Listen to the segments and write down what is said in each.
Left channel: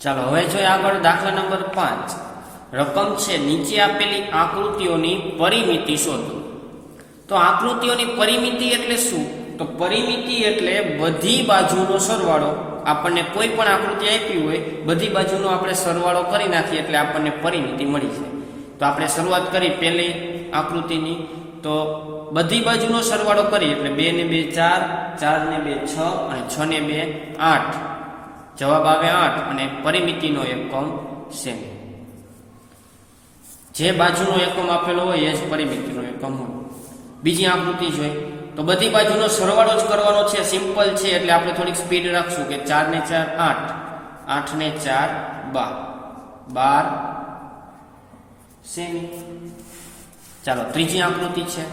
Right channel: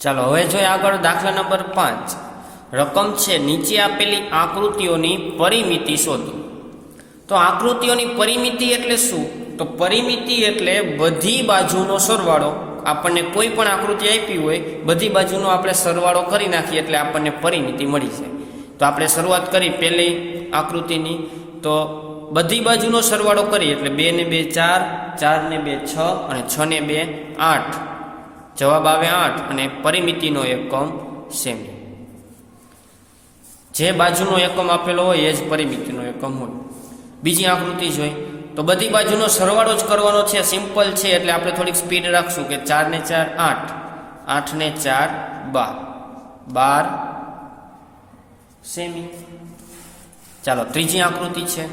ચાલો હવે જોઈએ આગળ દાખલા નંબર 5 રકમ છે નીચે આપેલી આકૃતિઓની પરિમિતિ શોધો। તો આકૃતિઓની પરિમિતિ એટલે શું? તો પરિમિતિ એટલે બધી બાજુનો સરવાળો। આપણને કોઈ પણ આકૃતિ આપી હોય બધી બાજુનો આપણે સરવાળો કરી નાખીએ એટલે આપણને પરિમિતિ મળી જાય। તો આપણે શરૂઆત કરી પહેલી આકૃતિની, તો બધી બાજુનો સરવાળો કરી એટલે 2 ને 2 4, 4 ને 2 6 અને 6 ને 2 8, જવાબ આવે 8 અને પરિમિતિનો એકમ સેમી। જે બાજુનો એકમ આપેલો હોય એ જ પરિમિતિનો એકમ હોય। બીજી આકૃતિ જોઈ તો બધી બાજુનો સરવાળો જ કરવાનો છે, સિમ્પલ છે એટલે આપણે થોડીક સ્પીડ રાખશું કે 4 ને 4 8, 8 ને 4 12, 12 સેમી। ચાલો ત્રીજી આકૃતિ છે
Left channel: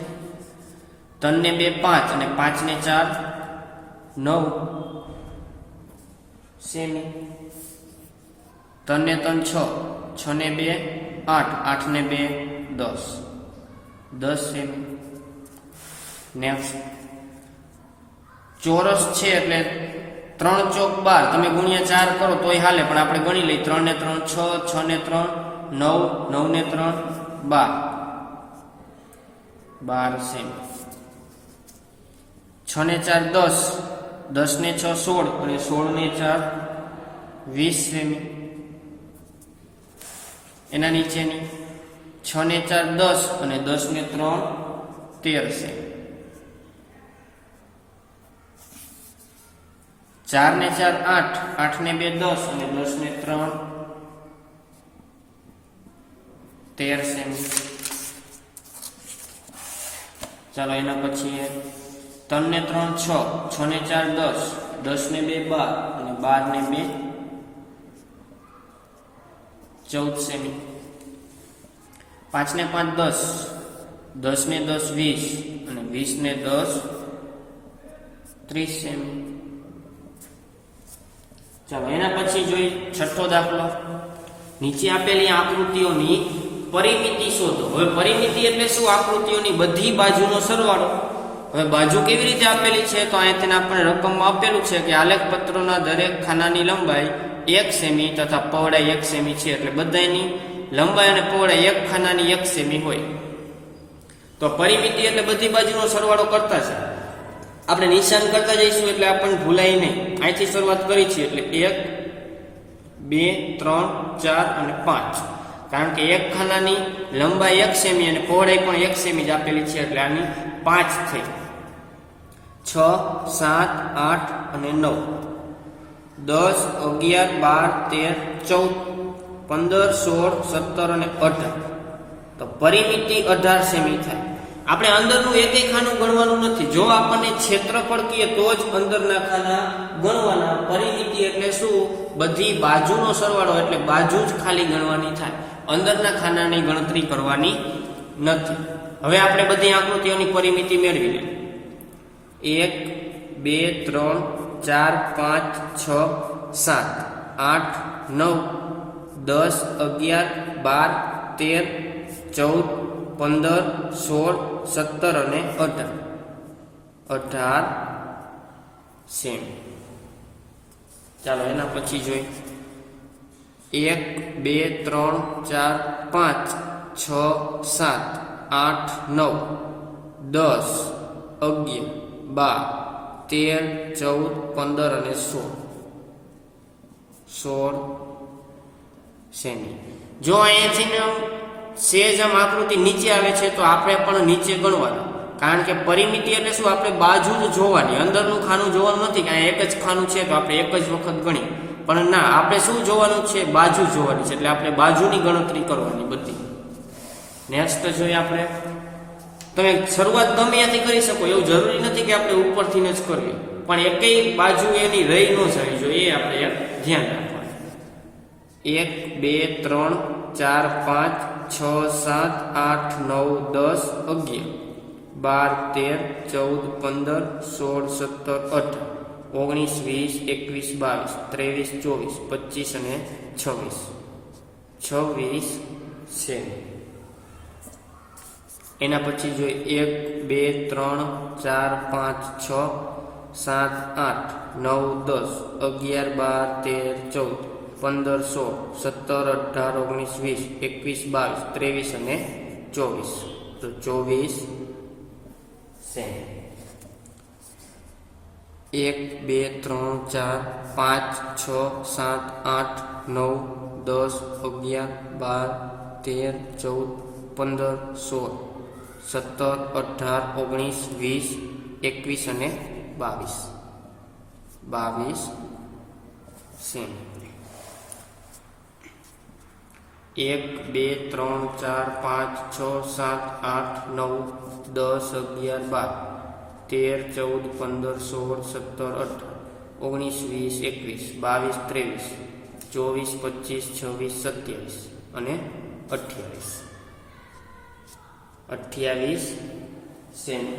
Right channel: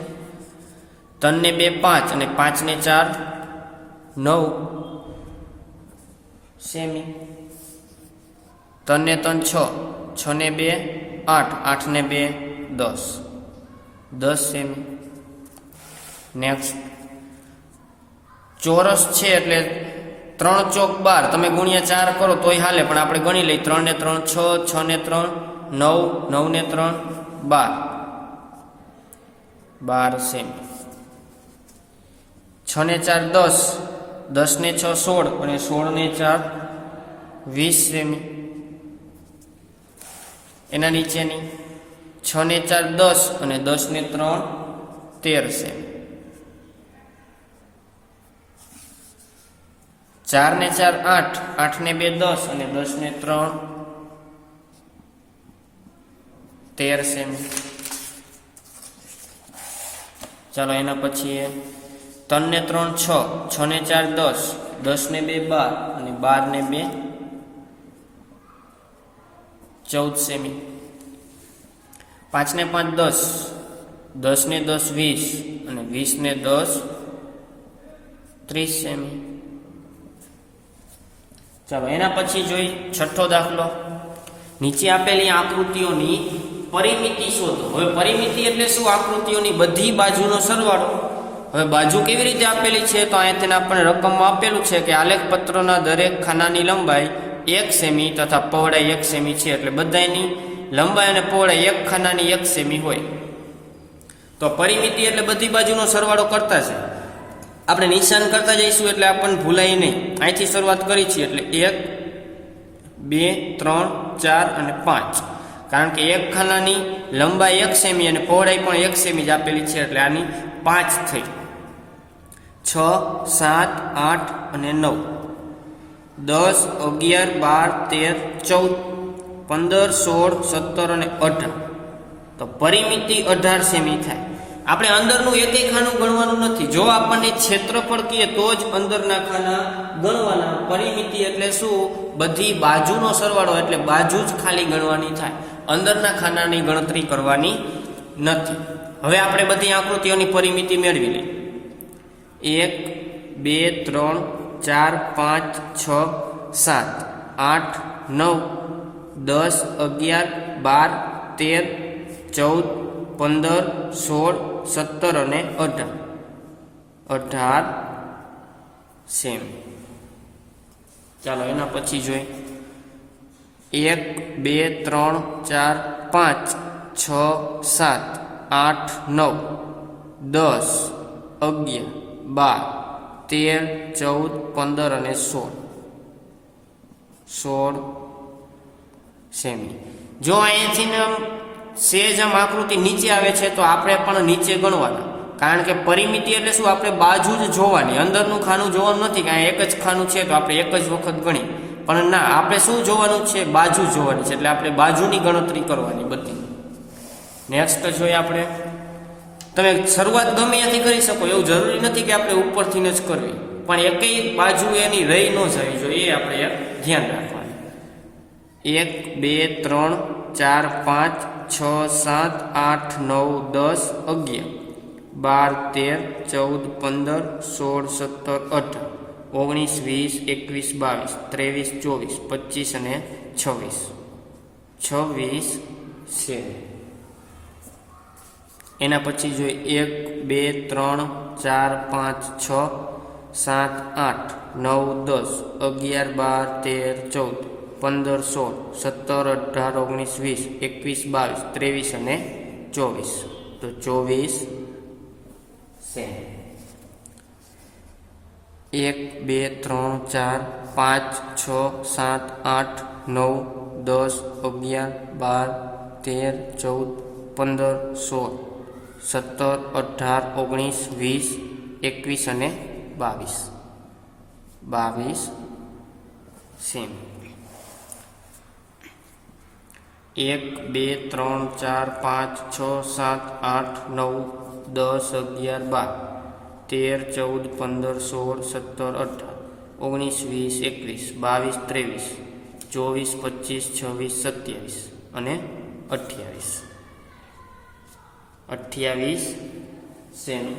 3 ને 2 5 અને 5 ને 4 9 સેમી। 3 ને 3 6, 6 ને 2 8, 8 ને 2 10, 10 સેમી। નેક્સ્ટ ચોરસ છે એટલે 3 ચોક 12, તમે ગુણ્યા 4 કરો તોય હાલે પણ આપણે ગણી લઈએ 3 ને 3 6, 6 ને 3 9, 9 ને 3 12, 12 સેમી। 6 ને 4 10, 10 ને 6 16 અને 16 ને 4 20 સેમી। એના નીચેની 6 ને 4 10 અને 10 ને 3 13 સેમી। 4 ને 4 8, 8 ને 2 10 અને 10 ને 3 13 સેમી। ચાલો એના પછી 3 ને 3 6, 6 ને 4 10, 10 ને 2 12 અને 12 ને 2 14 સેમી। 5 ને 5 10, 10 ને 10 20 અને 20 ને 10 30 સેમી। ચાલો એના પછી જોઈ છઠ્ઠો દાખલો નીચે આપેલી આકૃતિઓની પરિમિતિ શોધો। હવે પરિમિતિ એટલે શું? આકૃતિઓની બધી બાજુનો સરવાળો। હવે બાજુ કેવી રીતે આપેલી છે? તો અહીંયા તેને આપણને રકમમાં આપેલું છે કે આલેખ પત્રના દરેક ખાનાની લંબાઈ 1 સેમી તથા પહોળાઈ 1 સેમી છે, એટલે બધાની લંબાઈ અને પહોળાઈ એક ખાનાની 1 સેમી હોય। તો પરિમિતિ એટલે બધી બાજુનો સરવાળો કરતા છે, આપણે નિશાન કરતા જઈશું એટલે આપણને ભૂલાય નહીં। અહીંથી શરૂઆત કરી છે એટલે 1 2 3 4 અને 5, કારણ કે એક ખાનાની લંબાઈ 1 સેમી અને પહોળાઈ પણ 1 સેમી જ આપેલી છે એટલે આની 5 થઈ। 6 7 8 અને 9, 10 11 12 13 14 15 16 17 અને 18, તો પરિમિતિ 18 સેમી થાય। આપણે અંદરનું એક ખાનું ગણવાનું નથી, જો આપણને ક્ષેત્રફળ કહીએ તો જ અંદરના ખાના ગણવાના। પરિમિતિ એટલે શું? બધી બાજુનો સરવાળો, એટલે બાજુ જ ખાલી ગણવાની થાય, અંદરના ખાનાની ગણતરી કરવાની નથી। હવે આપણે બધી આકૃતિઓની પરિમિતિ મેળવી લઈએ। 1 2 3 4 5 6 7 8 9 10 11 12 13 14 15 16 17 અને 18 સેમી। ચાલો એના પછી જોઈ 1 2 3 4 5 6 7 8 9 10 11 12 13 14 15 અને 16 સેમી। જો અહીંયાથી સેજ આમ આકૃતિ નીચે આવે છે તો આપણે પણ નીચે ગણવાનું, કારણ કે પરિમિતિ એટલે શું? આપણે બાજુ જ જોવાની, અંદરનું ખાનું જોવાનું નથી કે અહીંયા એક જ ખાનું છે તો આપણે એક જ વખત ગણી, પણ ના, આપણે શું જોવાનું છે? બાજુ જોવાની છે, એટલે આપણે બાજુની ગણતરી કરવાની બધી। નેક્સ્ટ જોઈએ આપણે, તમે શરૂઆત ગમે ત્યાંથી કરી શકો, એવું જરૂરી નથી કે આપણે ઉપરથી જ કરવી, પણ એકેય બાજુ એની રહી ન જવી જોઈએ, આપણે ધ્યાન રાખવાનું। 1 2 3 4 5 6 7 8 9 10 11 12 13 14 15 16 17 18 19 20 21 22 23 24 25 અને 26 સેમી। એના પછી જોઈએ 1 2 3 4 5 6 7 8 9 10 11 12 13 14 15, 16, 17, 18, 19, 20, 21, 22, 23 અને 24. તો 24 સેમી. 1, 2, 3, 4, 5, 6, 7, 8, 9, 10, 11, 12, 13, 14, 15, 16, 17, 18, 19, 20, 21 અને 22. 22 સેમી. 1, 2, 3, 4, 5, 6, 7, 8, 9, 10, 11, 12, 13, 14, 15, 16, 17, 18, 19, 20, 21, 22, 23, 24, 25, 26, 27 અને 28. 28 સેમી.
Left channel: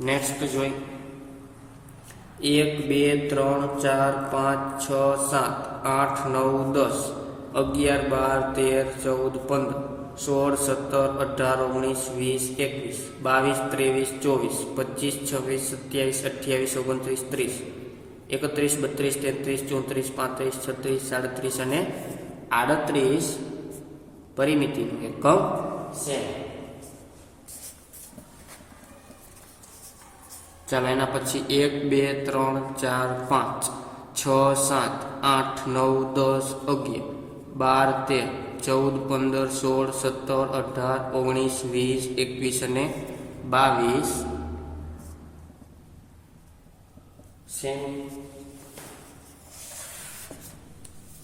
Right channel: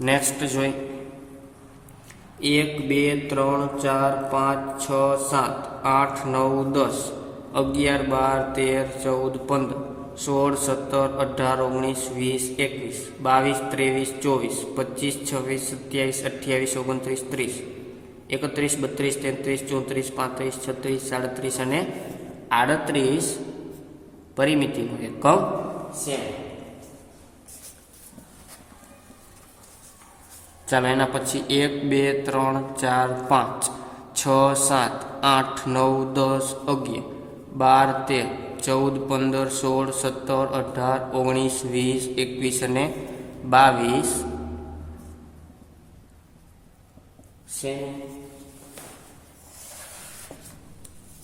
નેક્સ્ટ જોઈએ. 1, 2, 3, 4, 5, 6, 7, 8, 9, 10, 11, 12, 13, 14, 15, 16, 17, 18, 19, 20, 21, 22, 23, 24, 25, 26, 27, 28, 29, 30, 31, 32, 33, 34, 35, 36, 37 અને 38 પરિમિતિનો એકમ સેમી. ચાલો એના પછી 1, 2, 3, 4, 5, 6, 7, 8, 9, 10, 11, 12, 13, 14, 15, 16, 17, 18, 19, 20, 21 અને 22 સેમી.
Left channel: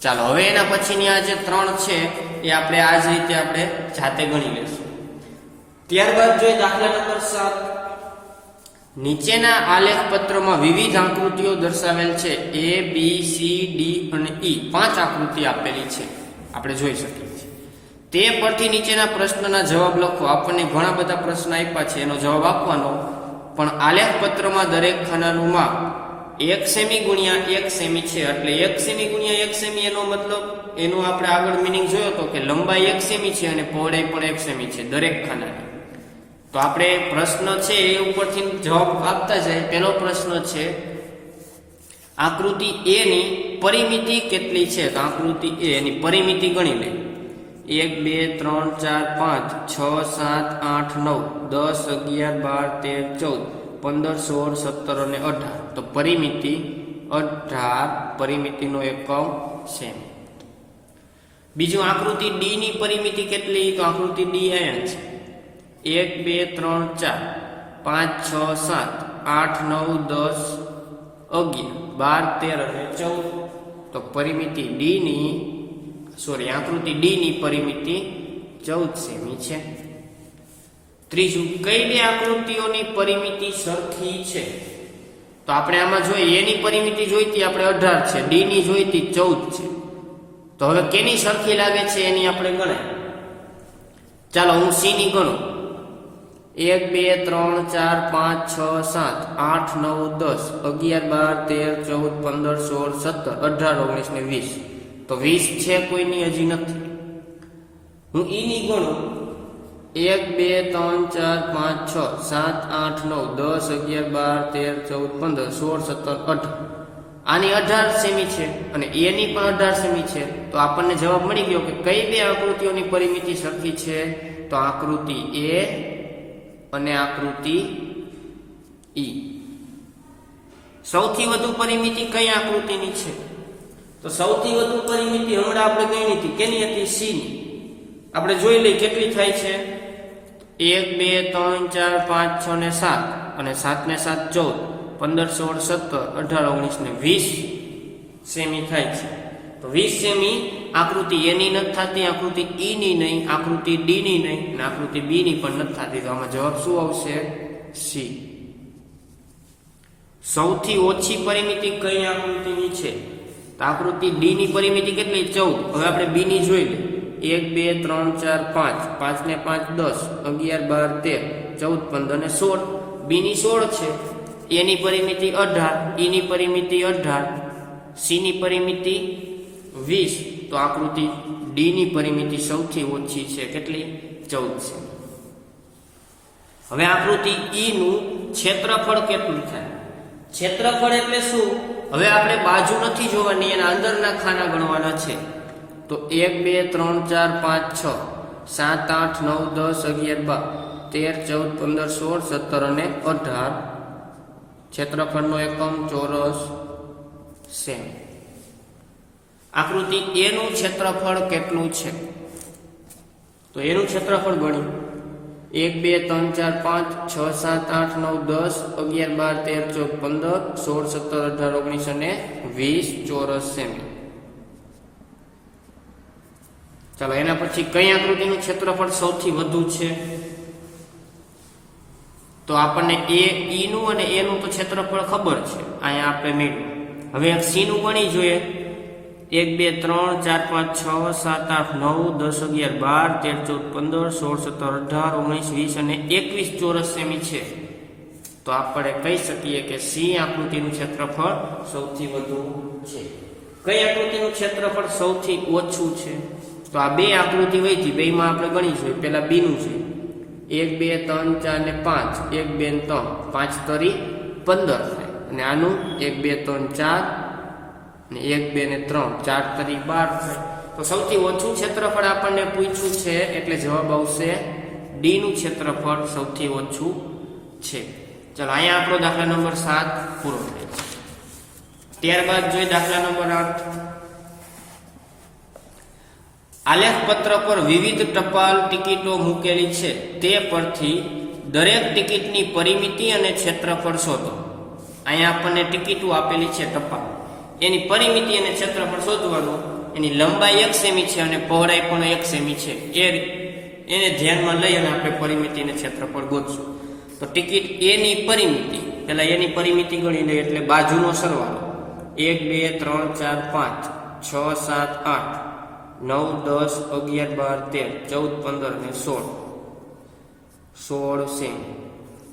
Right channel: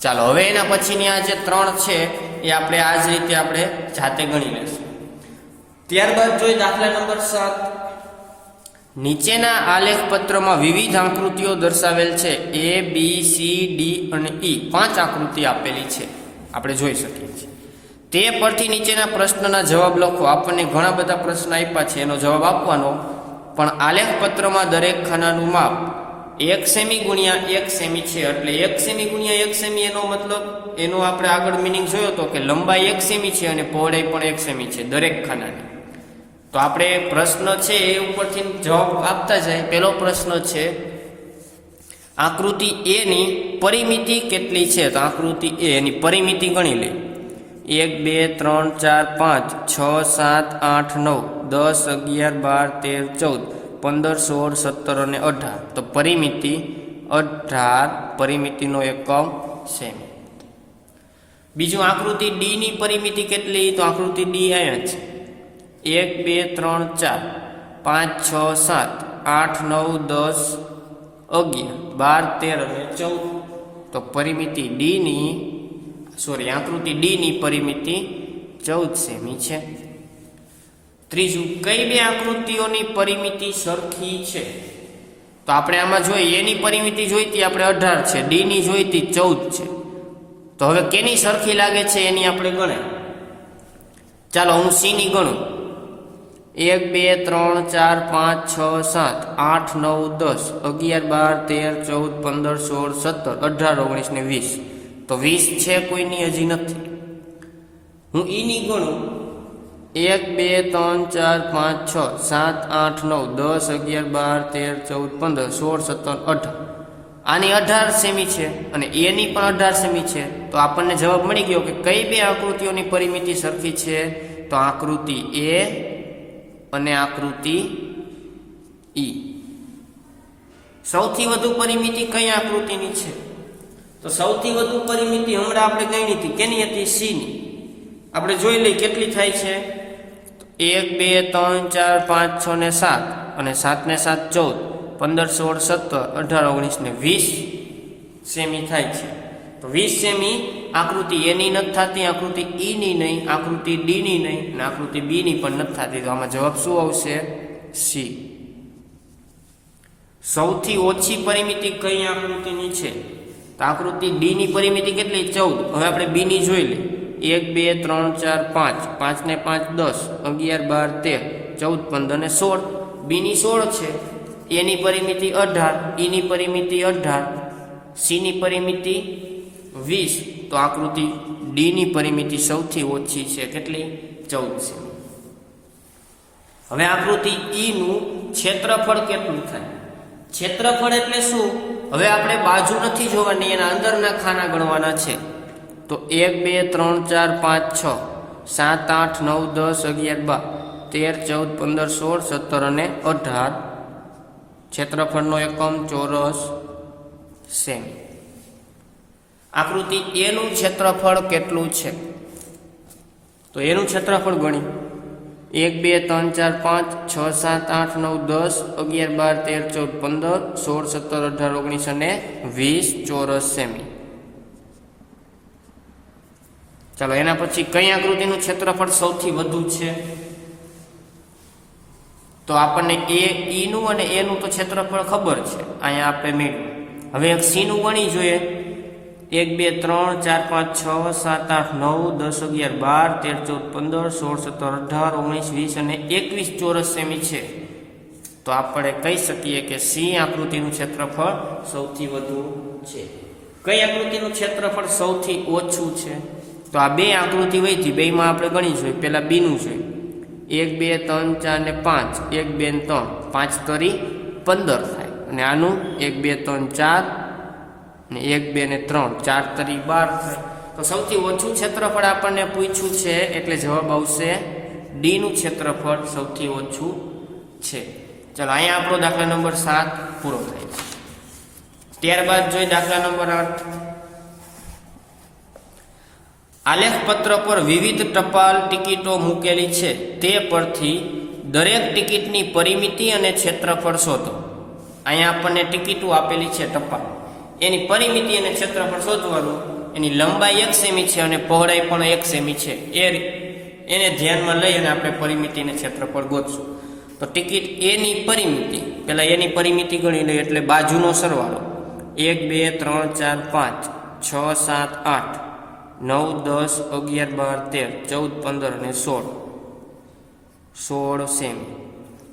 ચાલો હવે એના પછીની આ જે 3 છે એ આપણે આ જ રીતે આપણે જાતે ગણી લઈશું. ત્યારબાદ જોઈએ દાખલા નંબર 7. નીચેના આલેખ પત્રમાં વિવિધ આકૃતિઓ દર્શાવેલ છે. A, B, C, D અને E 5 આકૃતિ આપેલી છે, આપણે જોઈ શકીએ છીએ. તે પરથી નીચેના પ્રશ્નના જવાબ લખો. આપણને ઘણા બધા પ્રશ્ન આપ્યા છે, એનો જવાબ આપવાનો. પણ આલેખ પત્રમાં દરેક ખાનાનું માપ 1 સેમી ગુણ્યા 1 સેમી છે. એટલે 1 સેમી ગુણ્યા 1 સેમી એનો મતલબ, એનો આપણે આગળ મિનિંગ જોયો હતો કે લંબાઈ 1 સેમી છે અને પહોળાઈ પણ 1 સેમી છે દરેક ખાનાની. તો આપણે પ્રશ્ન છે એ ઉપરથી જવાબ આપતા જાય. પહેલો પ્રશ્ન છે આકૃતિ A ની પરિમિતિ કેટલી છે? તો આકૃતિ A એની પરિમિતિ ગણી લે. 1, 2, 3, 4, 5, 6, 7, 8, 9, 10, 11, 12, 13, 14, 15, 16, 17 અને 18. તો પરિમિતિ 18 પરિમિતિનો એકમ સેમી. બીજું આકૃતિ D ની પરિમિતિ કેટલી? તો આકૃતિ D અહીંયા છે. 1, 2, 3, 4, 5, 6, 7, 8, 9, 10, 11, 12, 13 અને 14. તો પરિમિતિ આકૃતિ D ની પરિમિતિ 14 સેમી છે. ત્રીજું, કઈ બે આકૃતિઓની પરિમિતિ સરખી છે? તો આપણે આમાં જોઈએ, A ની પરિમિતિ જોઈતી આપણે 18 છે, D ની જોઈતી 14 છે. તો હવે કેની સરખી લાગે છે એની આપણે ગણાય. ચાલો હું C ની ગણું. 1, 2, 3, 4, 5, 6, 7, 8, 9, 10, 11, 12, 13, 14, 15, 16, 17, 18, 19 ને 20. તો 20 છે કોઈની હજી નથી. હું E ની ગણું. 1, 2, 3, 4, 5, 6, 7, 8, 9, 10, 11, 12, 13, 14, 15, 16, 17, 18. આની 18 સેમી છે અને A ની પણ 18 સેમી છે. તો આપણને જવાબ મળી ગયો કે કઈ બે આકૃતિઓની પરિમિતિ સરખી છે? તો આકૃતિ A અને આકૃતિ E. સૌથી વધુ પરિમિતિ કઈ આકૃતિની છે? તો સૌથી વધુ પરિમિતિ હમણાં આપણે ગણી હતી, કેની હતી? C ની. આપણે જોઈ લઈએ કેટલી થાય છે. 1, 2, 3, 4, 5, 6 ને 7 અને 7 ને 7 14, 15, 16, 17, 18, 19 ને 20 સેમી થાય છે. તો 20 સેમી આકૃતિ A ની નથી થતી, આકૃતિ E ની નહીં, આકૃતિ D ની નહીં અને આકૃતિ B ની પણ નથી થતી. તો આમાં જવાબ શું આવશે? C. સૌથી ઓછી પરિમિતિ કઈ આકૃતિની છે? તો આકૃતિ D ની પરિમિતિ કેટલી? 14. હવે આપણે B ની જોઈ લઈએ. 1, 2, 3, 4, 5, 5 ને 5 10, 11, 12, 13, 14, 15 અને 16. B ની 16 છે. A ની પરિમિતિ 18, E ની પરિમિતિ 18, C ની પરિમિતિ 20. તો આકૃતિ D ની પરિમિતિ સૌથી ઓછી છે. કેટલી? 14. હવે આકૃતિ E નું ક્ષેત્રફળ કેટલું થાય? ક્ષેત્રફળ એટલે શું? હવે આપણે બાજુ નથી જોવાની, એના અંદરના ખાના ગણવાના છે. તો 1 2 3 4 5 6 7 8 9 10 11 12 13 14 15 16 17 અને 18 ક્ષેત્રફળનો એકમ ચોરસ સેમી. આકૃતિ એ નું ક્ષેત્રફળ કેટલું છે? તો એનું ક્ષેત્રફળ ગણી 1 2 3 4 5 6 7 8 9 10 11 12 13 14 15 16 17 18 19 અને 20 ચોરસ સેમી. ચાલો એના પછી કઈ આકૃતિનું ક્ષેત્રફળ સૌથી વધુ છે? તો આપણને ઈ નું અને એ નું તો ક્ષેત્રફળ ખબર છે, અહીંયા આપણે મેળવ્યું. હવે સી નું ગણી જોઈએ. 1 2 3 4 5 6 7 8 9 10 11 12 13 14 15 16 17 18 19 20 અને 21 ચોરસ સેમી છે. તો આપણે કહી શકીએ કે સી આકૃતિનું ક્ષેત્રફળ સૌથી વધુ છે. કઈ આકૃતિનું ક્ષેત્રફળ સૌથી ઓછું છે? તો આ બે આકૃતિ વહીથી બેમાં આપણે ગણી જોઈએ. પહેલા બી નું જોઈએ. 1 2 3 4 ને 5 1 2 ને 3 5 તરી 15 થાય. અને આનું 1 2 3 4 ને 1 2 ને 3 4 તરી 12 થાય. તો સૌથી ઓછું ક્ષેત્રફળ આપણને પૂછ્યું છે, એટલે જવાબ આવશે ડી નું ક્ષેત્રફળ સૌથી ઓછું છે. ચાલો અહીંયા આપણો દાખલા નંબર 7 પૂરો થાય. ત્યારબાદ જોઈએ દાખલા નંબર 8. આલેખ પત્ર પર વિવિધ ટપાલ ટિકિટો મૂકેલી છે, તે પરથી દરેક ટિકિટની પરિમિતિ અને ક્ષેત્રફળ શોધો. અહીંયા આપણને ટિકિટો આપેલી છે ટપાલ, એની પરિમિતિ અને ક્ષેત્રફળ શોધવાનું. એની લંબાઈ 1 સેમી છે અને પહોળાઈ પણ 1 સેમી છે. એને ધ્યાનમાં લઈ અને આપણે પરિમિતિ અને ક્ષેત્રફળ ગોતશું. તો ટિકિટ એની પરિમિતિ, પહેલા એની પરિમિતિ ગણી લઈએ એટલે બાજુનો સરવાળો 1 2 3 4 5 6 7 8 9 10 11 12 13 14 15 અને 16 સેમી.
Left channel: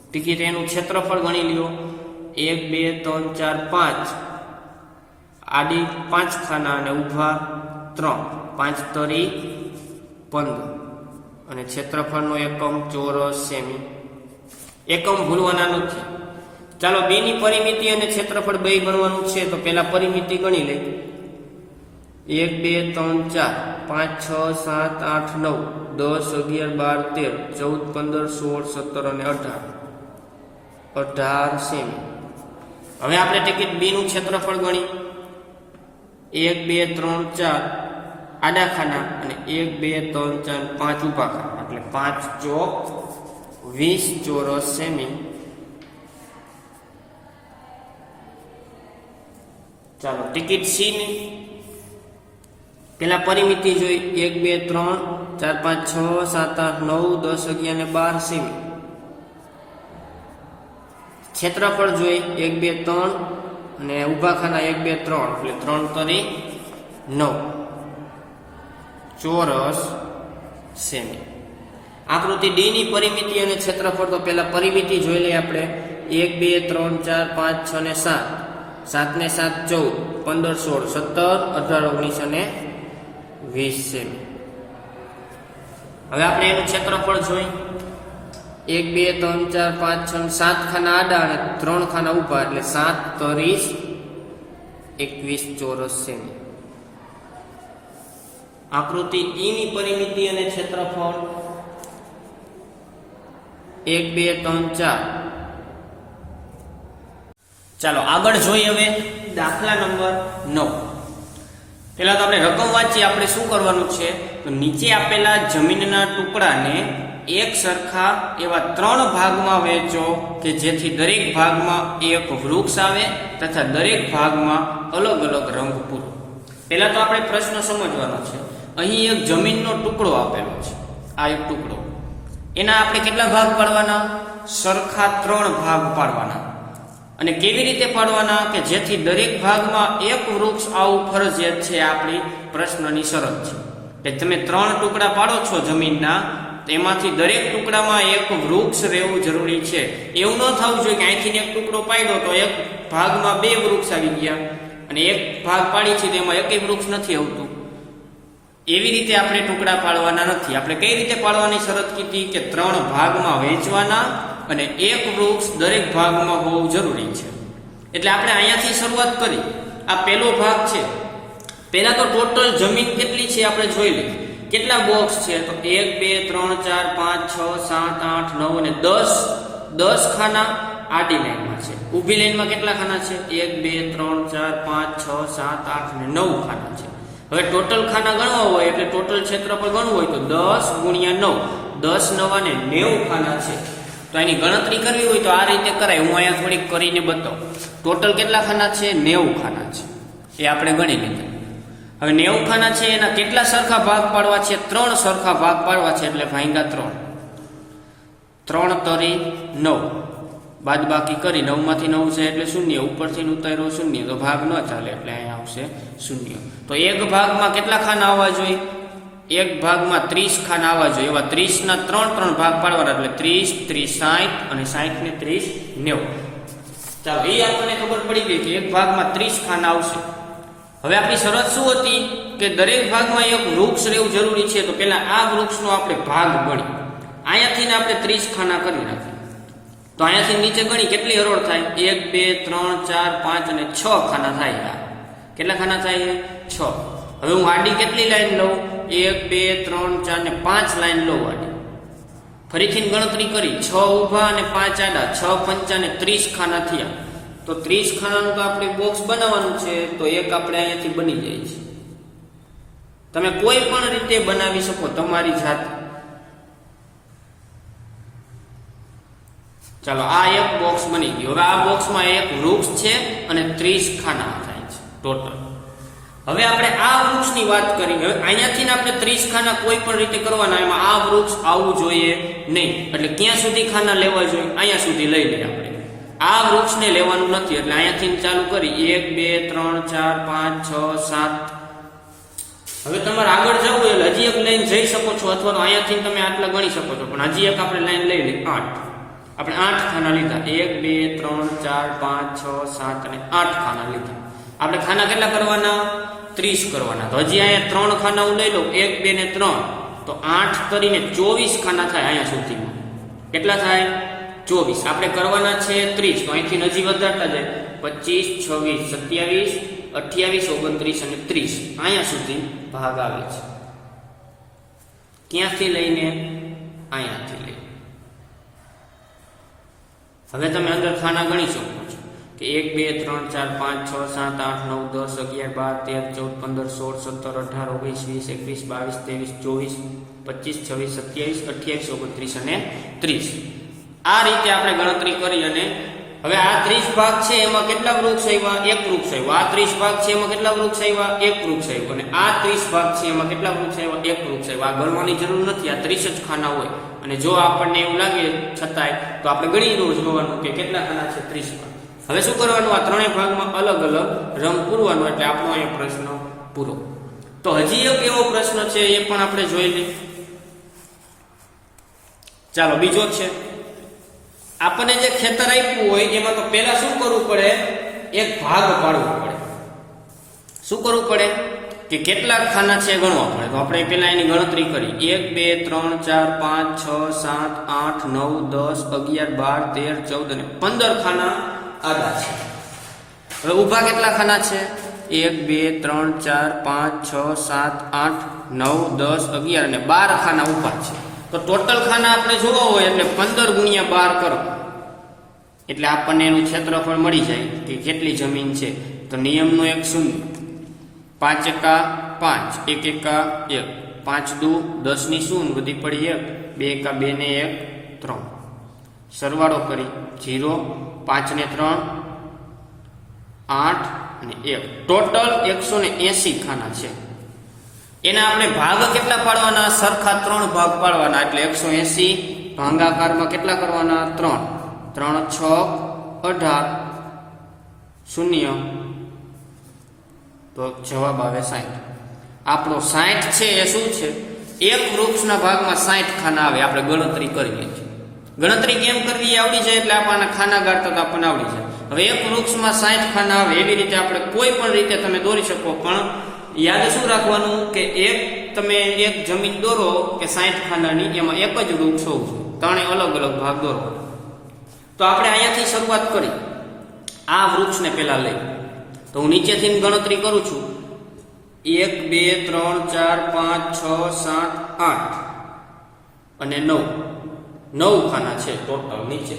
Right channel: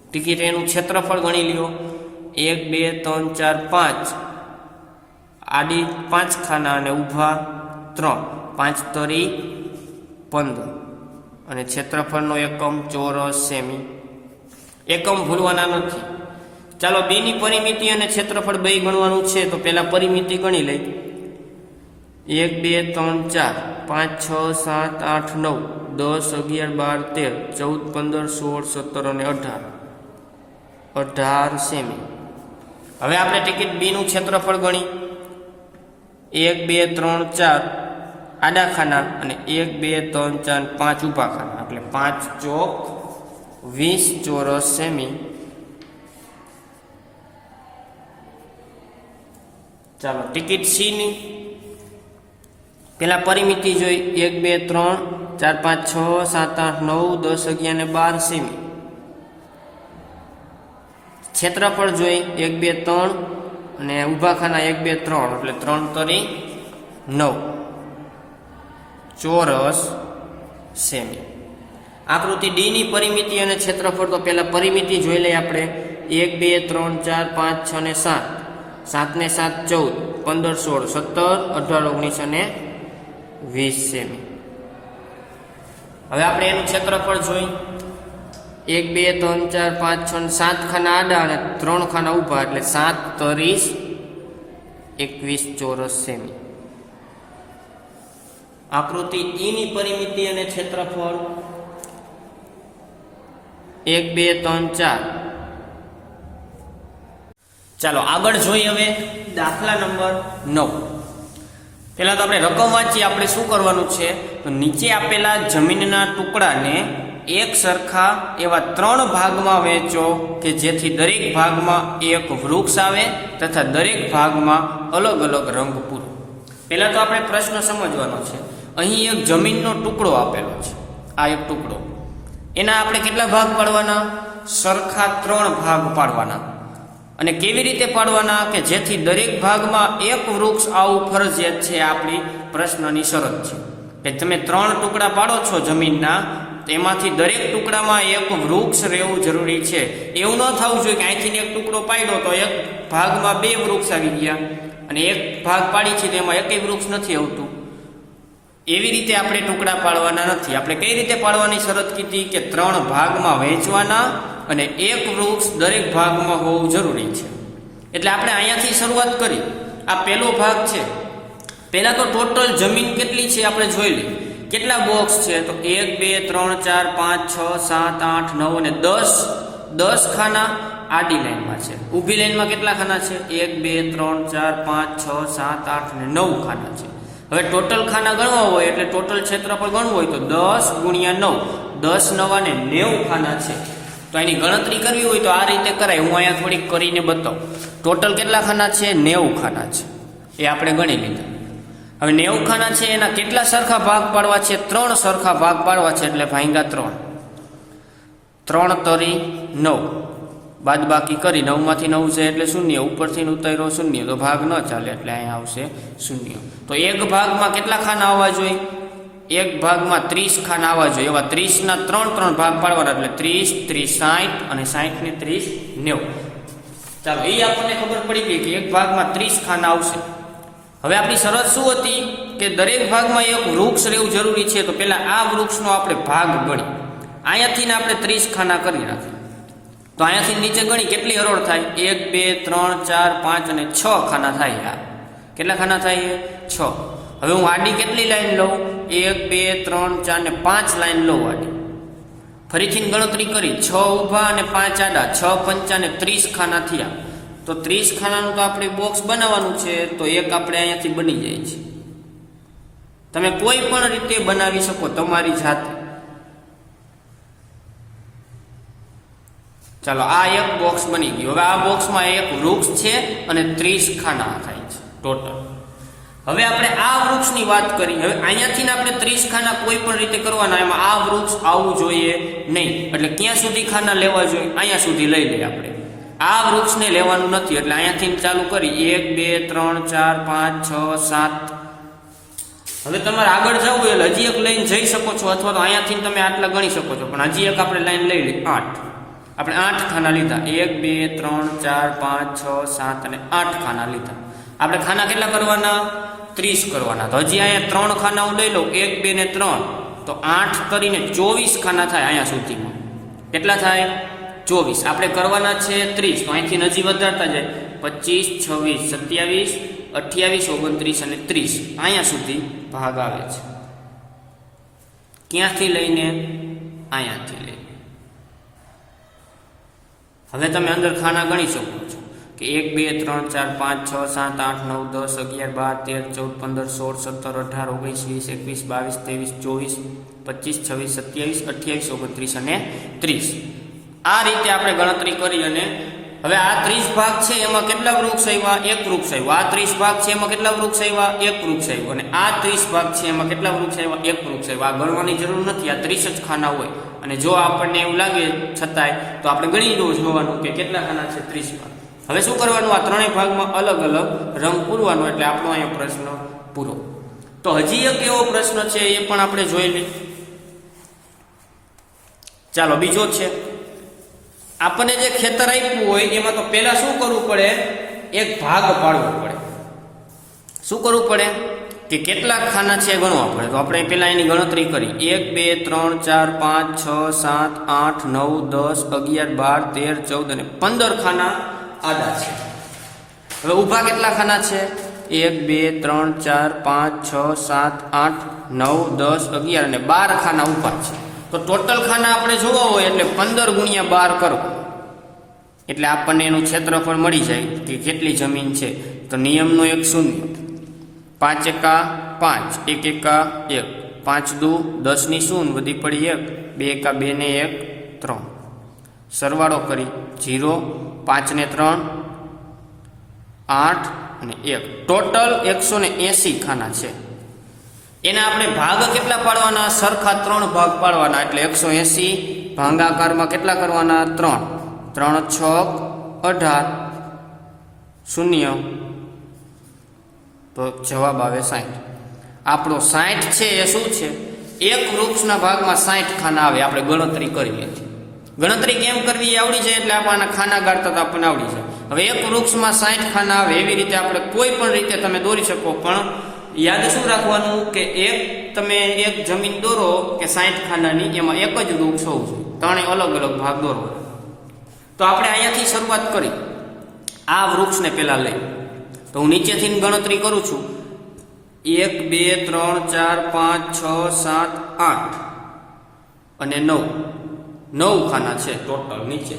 ટિકિટ એનું ક્ષેત્રફળ ગણી લ્યો. 1 2 3 4 5 આડી 5 ખાના અને ઊભા 3 5 તરી 15 અને ક્ષેત્રફળનો એકમ ચોરસ સેમી. એકમ ભૂલવાના નથી. ચાલો બી ની પરિમિતિ અને ક્ષેત્રફળ બે ગણવાનું છે. તો પહેલા પરિમિતિ ગણી લઈ. 1 2 3 4 5 6 7 8 9 10 11 12 13 14 15 16 17 અને 18 સેમી. હવે આપણે ટિકિટ બી નું ક્ષેત્રફળ ગણી. 1 2 3 4 આડા ખાના અને 1 2 3 4 5 ઊભા ખાના, એટલે 5 ચોક 20 ચોરસ સેમી. ચાલો ટિકિટ સી ની પેલા પરિમિતિ જોઈ. 1 2 3 4 5 6 7 8 9 10 11 અને 12 સેમી. ક્ષેત્રફળ જોઈ 1 2 3 અને ઊભા ખાના 1 2 3 એટલે 3 તરી 9 ચોરસ સેમી. આકૃતિ ડી ની પરિમિતિ અને ક્ષેત્રફળ, તો પહેલા પરિમિતિ જોઈ લઈએ આપણે. 1 2 3 4 5 6 ને 7 7 ને 7 14 15 16 17 18 19 અને 20 સેમી. હવે આપણે એનું ક્ષેત્રફળ જોઈ. 1 2 3 4 5 6 7 ખાના આડા અને 3 ખાના ઊભા, એટલે 7 30 21 ચોરસ સેમી. આકૃતિ ઈ ની પરિમિતિ અને ક્ષેત્રફળ 1 2 3 4. ચાલો આગળ જોઈએ હવે દાખલા નંબર 9. પહેલા તો આપણે રકમ વાંચીએ. આપણે શું કરવાનું છે, તો નીચે આપેલા જમીનના ટુકડાને એક સરખા એવા 3 ભાગમાં વહેંચો કે જેથી દરેક ભાગમાં એક વૃક્ષ આવે તથા દરેક ભાગમાં અલગ અલગ રંગ પૂરો. પહેલા તો આપણે પ્રશ્ન સમજવાનો છે. અહીં એક જમીનનો ટુકડો આપેલો છે, આ એક ટુકડો. એના આપણે કેટલા ભાગ પાડવાના? સરખા 3 ભાગ પાડવાના. અને કેવી રીતે પાડવાના? કે જેથી દરેક ભાગમાં એક વૃક્ષ આવું ફરજિયાત છે. આપણી પ્રશ્નની શરત છે કે તમે 3 ટુકડા પાડો છો જમીનના, એમાંથી દરેક ટુકડામાં એક વૃક્ષ રહેવું જરૂરી છે. એવું ન થવું જોઈએ કે અહીંથી એક ટુકડો પાડ્યો તો એક ભાગમાં 2 વૃક્ષ આવી ગયા અને એક ભાગ પાડી છે તેમાં એકેય વૃક્ષ નથી આવતું. એવી રીતે આપણે ટુકડા પાડવાના નથી. આપણે કઈ રીતે પાડવાની શરત કીધી કે 3 ભાગમાં વહેંચવાના અને એક વૃક્ષ દરેક ભાગમાં હોવું જરૂરી છે. એટલે આપણે અહીંયાથી શરૂઆત કરી. આ પહેલો ભાગ છે. પહેલા તો ટોટલ જમીન કેટલી છે આપણે જોઈ લઈએ. કેટલા બોક્સ છે? તો 1 2 3 4 5 6 7 8 9 અને 10 ખાના આડી લાઈનમાં છે. ઊભી લાઈનમાં કેટલા ખાના છે? 1 2 3 4 5 6 7 8 અને 9 ખાના છે. હવે ટોટલ ખાના ગણવા હોય એટલે ટોટલ ક્ષેત્રફળ ગણવું હોય તો 10 ગુણ્યા 9, 10 9 અને 90 ખાના છે. તો એની ગણતરી કરવી હોય તો આ રીતે કરાય. હું અહીંયા થોડીક કરીને બતાવું. ટોટલ કેટલા ખાના છે? 90 ખાના છે. એ આપણે ગણી લીધા. હવે 90 ખાના છે એના કેટલા સરખા ભાગ પાડવા છે? 3 સરખા ભાગ પાડવા છે એટલે ભાગ્યા 3 તરી 9, બાદ બાકી કરી 9 માંથી 9 છે એટલે 0, ઉપરથી ઉતાર્યો 0 તો ભાગ ન ચાલે એટલે અહીંયા આવશે 0. તો એક ભાગમાં કેટલા ખાના આવવા જોઈએ? એક ભાગમાં 30 ખાના આવવા જોઈએ. એવા 30 ના 3 ભાગ પાડવાના એટલે 30 30 60 અને 60 ને 30 90. ચાલો એ આપણને ખબર પડી ગઈ કે એક ભાગમાં 30 ખાના આવશે. હવે આપણી શરત શું હતી કે દરેક ભાગમાં એક વૃક્ષ રહેવું જરૂરી છે. તો પહેલા આ વૃક્ષનો આપણે ભાગ ગણી. અહીંયાથી આપણે 30 ખાના કરી નાખીએ. તો અહીંયાથી નીચે ગણી કેટલી હરોળ થાય? 1 2 3 4 5 અને 6 ખાના થાય. કેટલા ખાના થાય? 6. હવે હું આડી કેટલી લાઈન લઉં? 1 2 3 4 અને 5 લાઈન લઉં આડી. ફરીથી ગણતરી કરી 6 ઊભા અને 5 આડા, 6 પંચા અને 30 ખાના થયા. તો 30 ખાનાનું તો આપણે બોક્સ બનાવવાનું છે. તો એક આપણે અહીંયાથી બની જાય છે. તમે કોઈ પણ રીતે બનાવી શકો તમારી જાતે. ચાલો આ એક બોક્સ બની ગયું. હવે આ બોક્સમાં એક વૃક્ષ છે અને 30 ખાના થાય છે ટોટલ. હવે આપણે આ વૃક્ષની વાત કરી. હવે અહીંયાથી આપણે 30 ખાના કોઈ પણ રીતે કરવાના. એમાં આ વૃક્ષ આવવું જોઈએ નહીં. એટલે ક્યાં સુધી ખાના લેવા જોઈએ? અહીંયા સુધી લઈ લઈએ આપણે. આ વૃક્ષને લેવાનું નથી એટલે અહીંયાથી ચાલુ કરી 1 2 3 4 5 6 7. હવે તમારે આગળ જવું એટલે હજી એક લાઈન જઈ શકો છો અથવા તો અહીંયાથી તમે આટલા ગણી શકો છો. પણ હજી એક આપણે લાઈન લઈ લઈએ 8. આપણે 8 ખાના લીધા. 1 2 3 4 5 6 7 અને 8 ખાના લીધા. આપણે ખાના કેટલા કરવાના? 30 કરવાના. તો હજી અહીંયા 3 ખાના હું લઈ લઉં. 1 2 ને 3 તો 8 કરીને 24 ખાના થાય. અહીંયા સુધીમાં કેટલા થાય? 24. આપણે કરવાના છે 30. તો અહીંથી હજી વધારતા જાય 25 26 27 28 29 અને 30. અહીંયા સુધી ભાગ આવે છે. ક્યાંથી લઈને? અહીંયાથી લઈને. હવે તમે અંદર ખાના ગણી શકો છો કે 1 2 3 4 5 6 7 8 9 10 11 12 13 14 15 16 17 18 19 20 21 22 23 24 25 27 28 29 અને 30. આ રીતે આપણે ગણતરી કરી. અને હવે આ 30 ભાગ છે એમાં કેટલા વૃક્ષ આવ્યા? એક વૃક્ષ આવ્યું. આ 30 ભાગ છે એમાં કેટલા વૃક્ષ આવ્યા? એક વૃક્ષ આવ્યું. અને આ 30 ભાગ છે એમાં કેટલા વૃક્ષ આવ્યા? એક વૃક્ષ આવ્યું. આ ગણવાની જરૂર નથી. આ 30 જ ખાના હોય. અને જો આપણને એવું લાગે છતાંય તો આપણે ગણી જોવાનું કે કેટલા ખાના છે? 30 ભાગ. હવે શું કરવાનું? આ ત્રણેય ભાગમાં અલગ અલગ રંગ પૂરવાનો. એટલે આપણો અહીંયા પ્રશ્ન પૂરો. તો હજી એક એવો પ્રશ્ન છે એ પણ આપણે જોઈ લઈએ. ચાલો બીજો છે. આપણને જે ખેતર આપ્યું હોય એમાં તો પહેલા શું કરવું પડે? એક ભાગ પાડવો પડે. શું કરવું પડે? કે કેટલા ખાના છે ગણવા પડે. તો આપણે પહેલા એની ગણતરી કરી. 1 2 3 4 5 6 7 8 9 10 11 12 13 14 અને 15 ખાના આડા છે. હવે ઊભા કેટલા ખાના છે? 1 2 3 4 5 6 7 8 9 10 11 અને 12 ખાના ઊભા છે. તો ટોટલ ખાના આપણે જોવા હોય એટલે 15 ગુણ્યા 12 કરો એટલે આપણને એનું ક્ષેત્રફળ મળી જાય કે કેટલી જમીન છે. તો નિયમનો એક 0, 5 એકા 5, 1 એકા 1, 5 દુ 10 ની 0 વધી પડી 1, 2 એકા 2 ને 1 3. સરવાળો કરી 0, 5 ને 3 8 અને 1. ટોટલ 180 ખાના છે. એના આપણે ભાગ કેટલા પાડવાના? સરખા 3 ભાગ પાડવાના. એટલે 180 ભાગાકારમાં કેટલા કરવાના? 3. 3 6 18 0. તો જવાબ આવે 60. આપણો 60 છે એ શું છે? એક વૃક્ષના ભાગમાં 60 ખાના આવે. આપણે ગણતરી કરી લીધી. ગણતરી કેમ કરવી આવડી જાય એટલે આપણને ખાના ગાળતા તો આપણને આવડી જાય. હવે એક વૃક્ષમાં 60 ખાના આવે એવી રીતે આપણે કોઈ પણ રીતે તમે દોરી શકો. પણ યાદ શું રાખવાનું કે તમે એક જમીન દોરો કે 60 ખાનાની, એમાં એક જ વૃક્ષ હોવું જોઈએ. ત્રણે અલગ અલગ ભાગ દોરો. તો આપણે અહીંયાથી શરૂઆત કરી. આ વૃક્ષને પેલા લઈ, તો હું નીચેથી ગણતરી કરું છું. 1 2 3 4 5 6 7 8 અને 9 ખાના છે ટોટલ નીચે.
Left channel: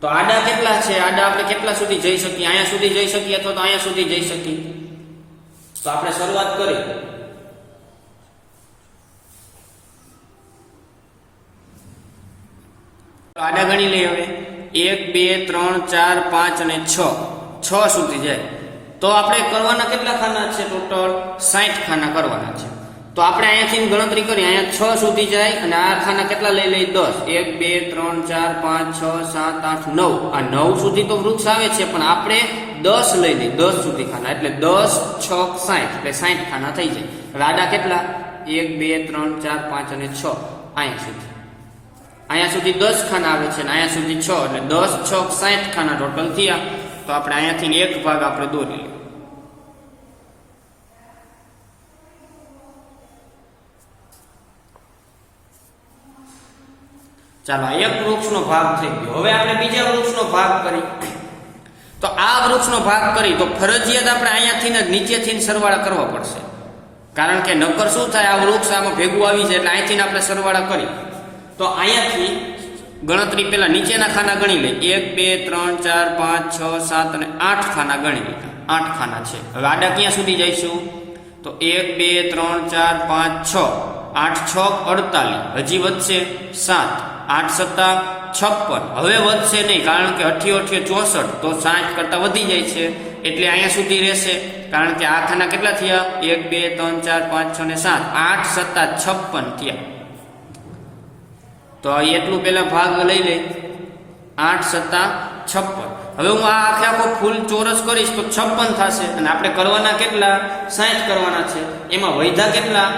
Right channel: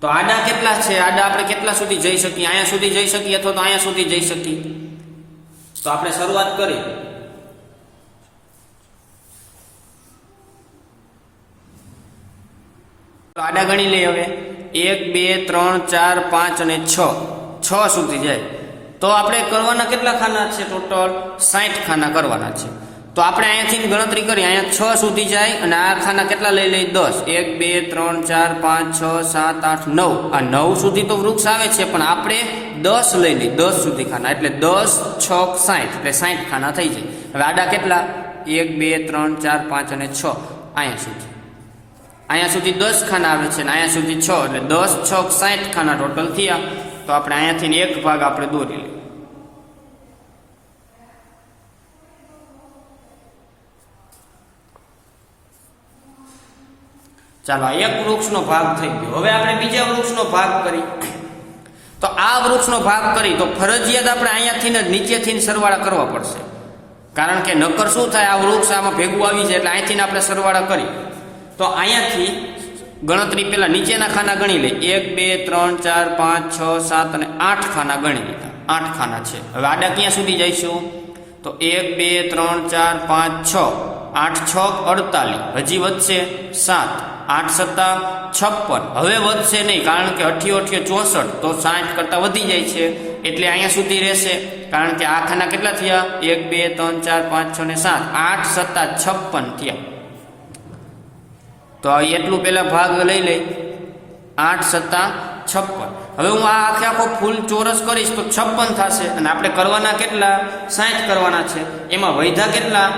તો આડા કેટલા છે? આડા આપણે કેટલા સુધી જઈ શકીએ? અહીંયા સુધી જઈ શકીએ અથવા તો અહીંયા સુધી જઈ શકીએ? તો આપણે શરૂઆત કરી. આડા ગણી લઈએ હવે. 1 2 3 4 5 અને 6 સુધી જાય. તો આપણે કરવાના કેટલા ખાના છે? ટોટલ 60 ખાના કરવાના છે. તો આપણે અહીંયાથી ગણતરી કરી, અહીંયા 6 સુધી જાય અને આ ખાના કેટલા લઈ લઈ? 10. 1 2 3 4 5 6 7 8 9. આ 9 સુધી તો વૃક્ષ આવે છે, પણ આપણે 10 લઈ લઈ, 10 સુધી ખાના, એટલે 10 6 60, એટલે 60 ખાના થઈ જાય. હવે આડા કેટલા? 1 2 3 4 5 અને 6. અહીંયા સુધી 10 ખાના આવે છે અને અહીંયા સુધી 6, એટલે 10 6 60 ખાના ટોટલ થયા. તો આપણે અહીંયાથી એક ભાગ આપણે દોરી લઈએ. ચાલો, એક વૃક્ષનો ભાગ થઈ ગયો. હવે આપણે બીજા વૃક્ષનો ભાગ કરી. તો આ વૃક્ષનો ભાગ કરી તો ફરજિયાત આપણે અહીંયાથી ને નીચેથી સરવાળા કરવા પડશે, કારણ કે નકર શું થાય, આ વૃક્ષ આમાં ભેગું આવી જાય, એટલે અહીંથી આપણે સરવાળા કરી. તો અહીંયાથી ગણતરી પેલા નીચેના ખાના ગણી લઈ. 1 2 3 4 5 6 7 અને 8 ખાના ગણી લીધા. 8 ખાના છે. હવે આડા ક્યાં સુધી જઈશું? તો 1 2 3 4 5 6, 8 6 48, હજી વધશે 7, 8 7 56. હવે વધશે નહીં, કારણ કે 88 64, તો 60 કરતા વધી જાય છે, એટલે અહીંયા સુધી રહેશે. કારણ કે આ ખાના કેટલા થયા? 1 2 3 4 5 6 અને 7, 8 7 56 થયા. તો એટલું પેલા ભાગ લઈ લે. 8 7 56. હવે હું આ આખો ફૂલ ચોરસ કરીશ તો 56 થશે, અને આપણે કરવાના કેટલા? 60 કરવાના છે. એમાં વૈધા કેટલા?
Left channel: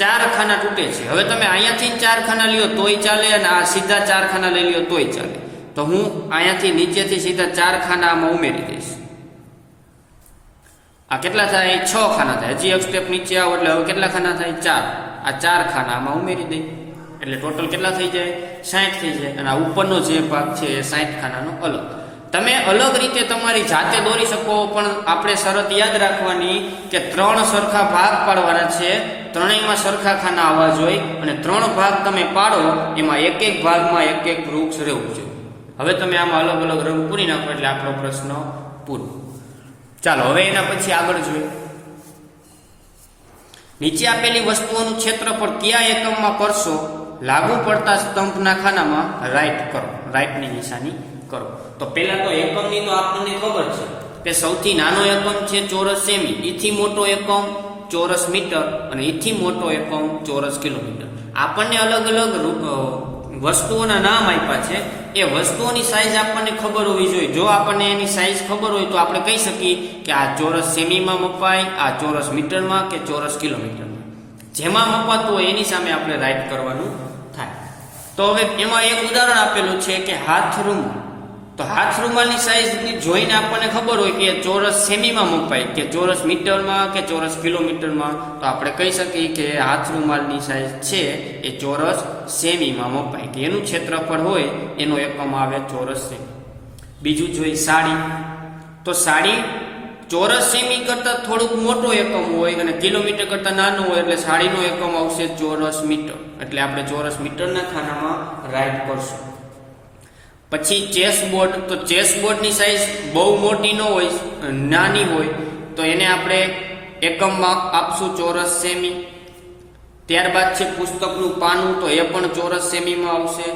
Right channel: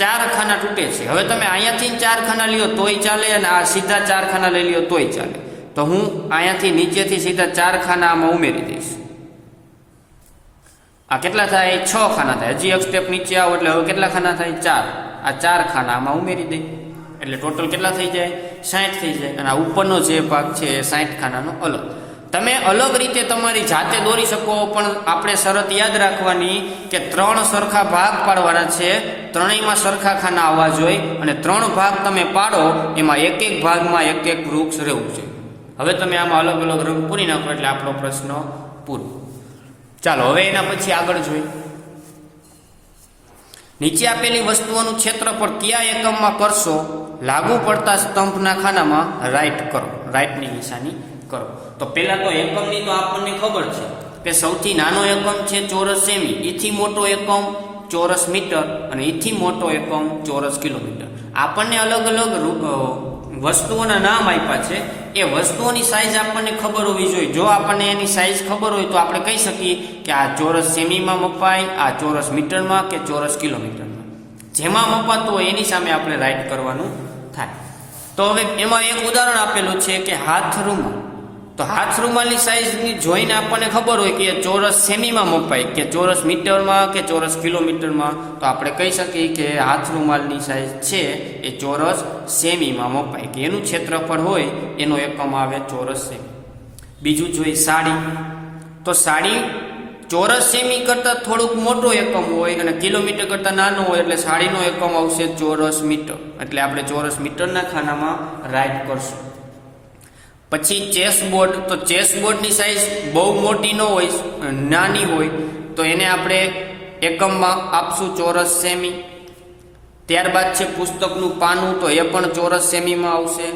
4 ખાના તૂટે છે. હવે તમે અહીંયાથી 4 ખાના લ્યો તોય ચાલે, અને આ સીધા 4 ખાના લઈ લ્યો તોય ચાલે. તો હું અહીંયાથી નીચેથી સીધા 4 ખાના આમાં ઉમેરી દઈશ. આ કેટલા થાય? 6 ખાના થાય. હજી એક સ્ટેપ નીચે આવો એટલે હવે કેટલા ખાના થાય? 4. આ 4 ખાના આમાં ઉમેરી દે, એટલે ટોટલ કેટલા થઈ જાય? 60 થઈ જાય. અને આ ઉપરનો જે ભાગ છે એ 60 ખાનાનો અલગ. તમે અલગ રીતે તમારી જાતે દોરી શકો, પણ આપણે શરત યાદ રાખવાની કે 3 સરખા ભાગ પાડવાના છે, ત્રણેયમાં સરખા ખાના આવવા જોઈએ, અને 3 ભાગ તમે પાડો એમાં એક એક ભાગમાં એક એક વૃક્ષ રહેવું છે. હવે તમે આમાં અલગ અલગ રંગ પૂરી નાખો એટલે આપણો પ્રશ્ન પૂરો. ચાલો, હવે એના પછી આગળ જોઈએ. નીચે આપેલી વસ્તુઓનું ક્ષેત્રફળ કયા એકમમાં કરશો? લાગુ પડતા સ્તંભના ખાનામાં રાઈટ કરો, રાઈટની નિશાની કરો. તો પેલા તો એકમની તો આપણને ખબર છે કે સૌથી નાનો એકમ છે ચોરસ સેમી, એથી મોટો એકમ ચોરસ મીટર, અને એથી મોટો એકમ ચોરસ કિલોમીટર. આપણને અલગ અલગ વસ્તુઓના નામ આપ્યા છે. એ વસ્તુઓની સાઈઝ આપણને ખબર હોવી જોઈએ. જો આપણને એની સાઈઝ ખબર હોય તો આપણે કહી શકીએ કે આ ચોરસ સેમીમાં મપાય, આ ચોરસ મીટરમાં કે ચોરસ કિલોમીટરમાં. જેમાં મપાતું હોય એની સામે આપણે રાઈટ કરવાનું થાય. તો હવે એમાં એક ઉદાહરણ આપેલું છે કે હાથ રૂમાલ. તો હાથ રૂમાલની સાઈઝ જોઈને આપણને ખબર હોય કે ચોરસ સેમીમાં મપાય કે ચોરસ મીટરમાં કે ચોરસ કિલોમીટરમાં, તો આપણે કહી શકીએ કે હાથ રૂમાલની સાઈઝ છે એ ચોરસ સેમીમાં મપાય, કે એનું ક્ષેત્રફળ હોય એનો એકમ આવે ચોરસ સેમી. બીજું જોઈએ સાડી. તો સાડી ચોરસ સેમી કરતાં થોડુંક મોટો એકમ હોય અને કિલોમીટર કરતાં નાનો હોય, એટલે સાડીનો એકમ આવશે ચોરસ મીટર, એટલે આપણે ચોરસ મીટરના ખાનામાં રાઈટ કરશું. પછી ચેસબોર્ડ. તો ચેસબોર્ડની સાઈઝ બહુ મોટી ન હોય, નાની હોય, તો એને આપણે એકમમાં આપશું ચોરસ સેમી. ત્યારબાદ છે પુસ્તકનું પાનું, તો એ પણ ચોરસ સેમીમાં આવશે.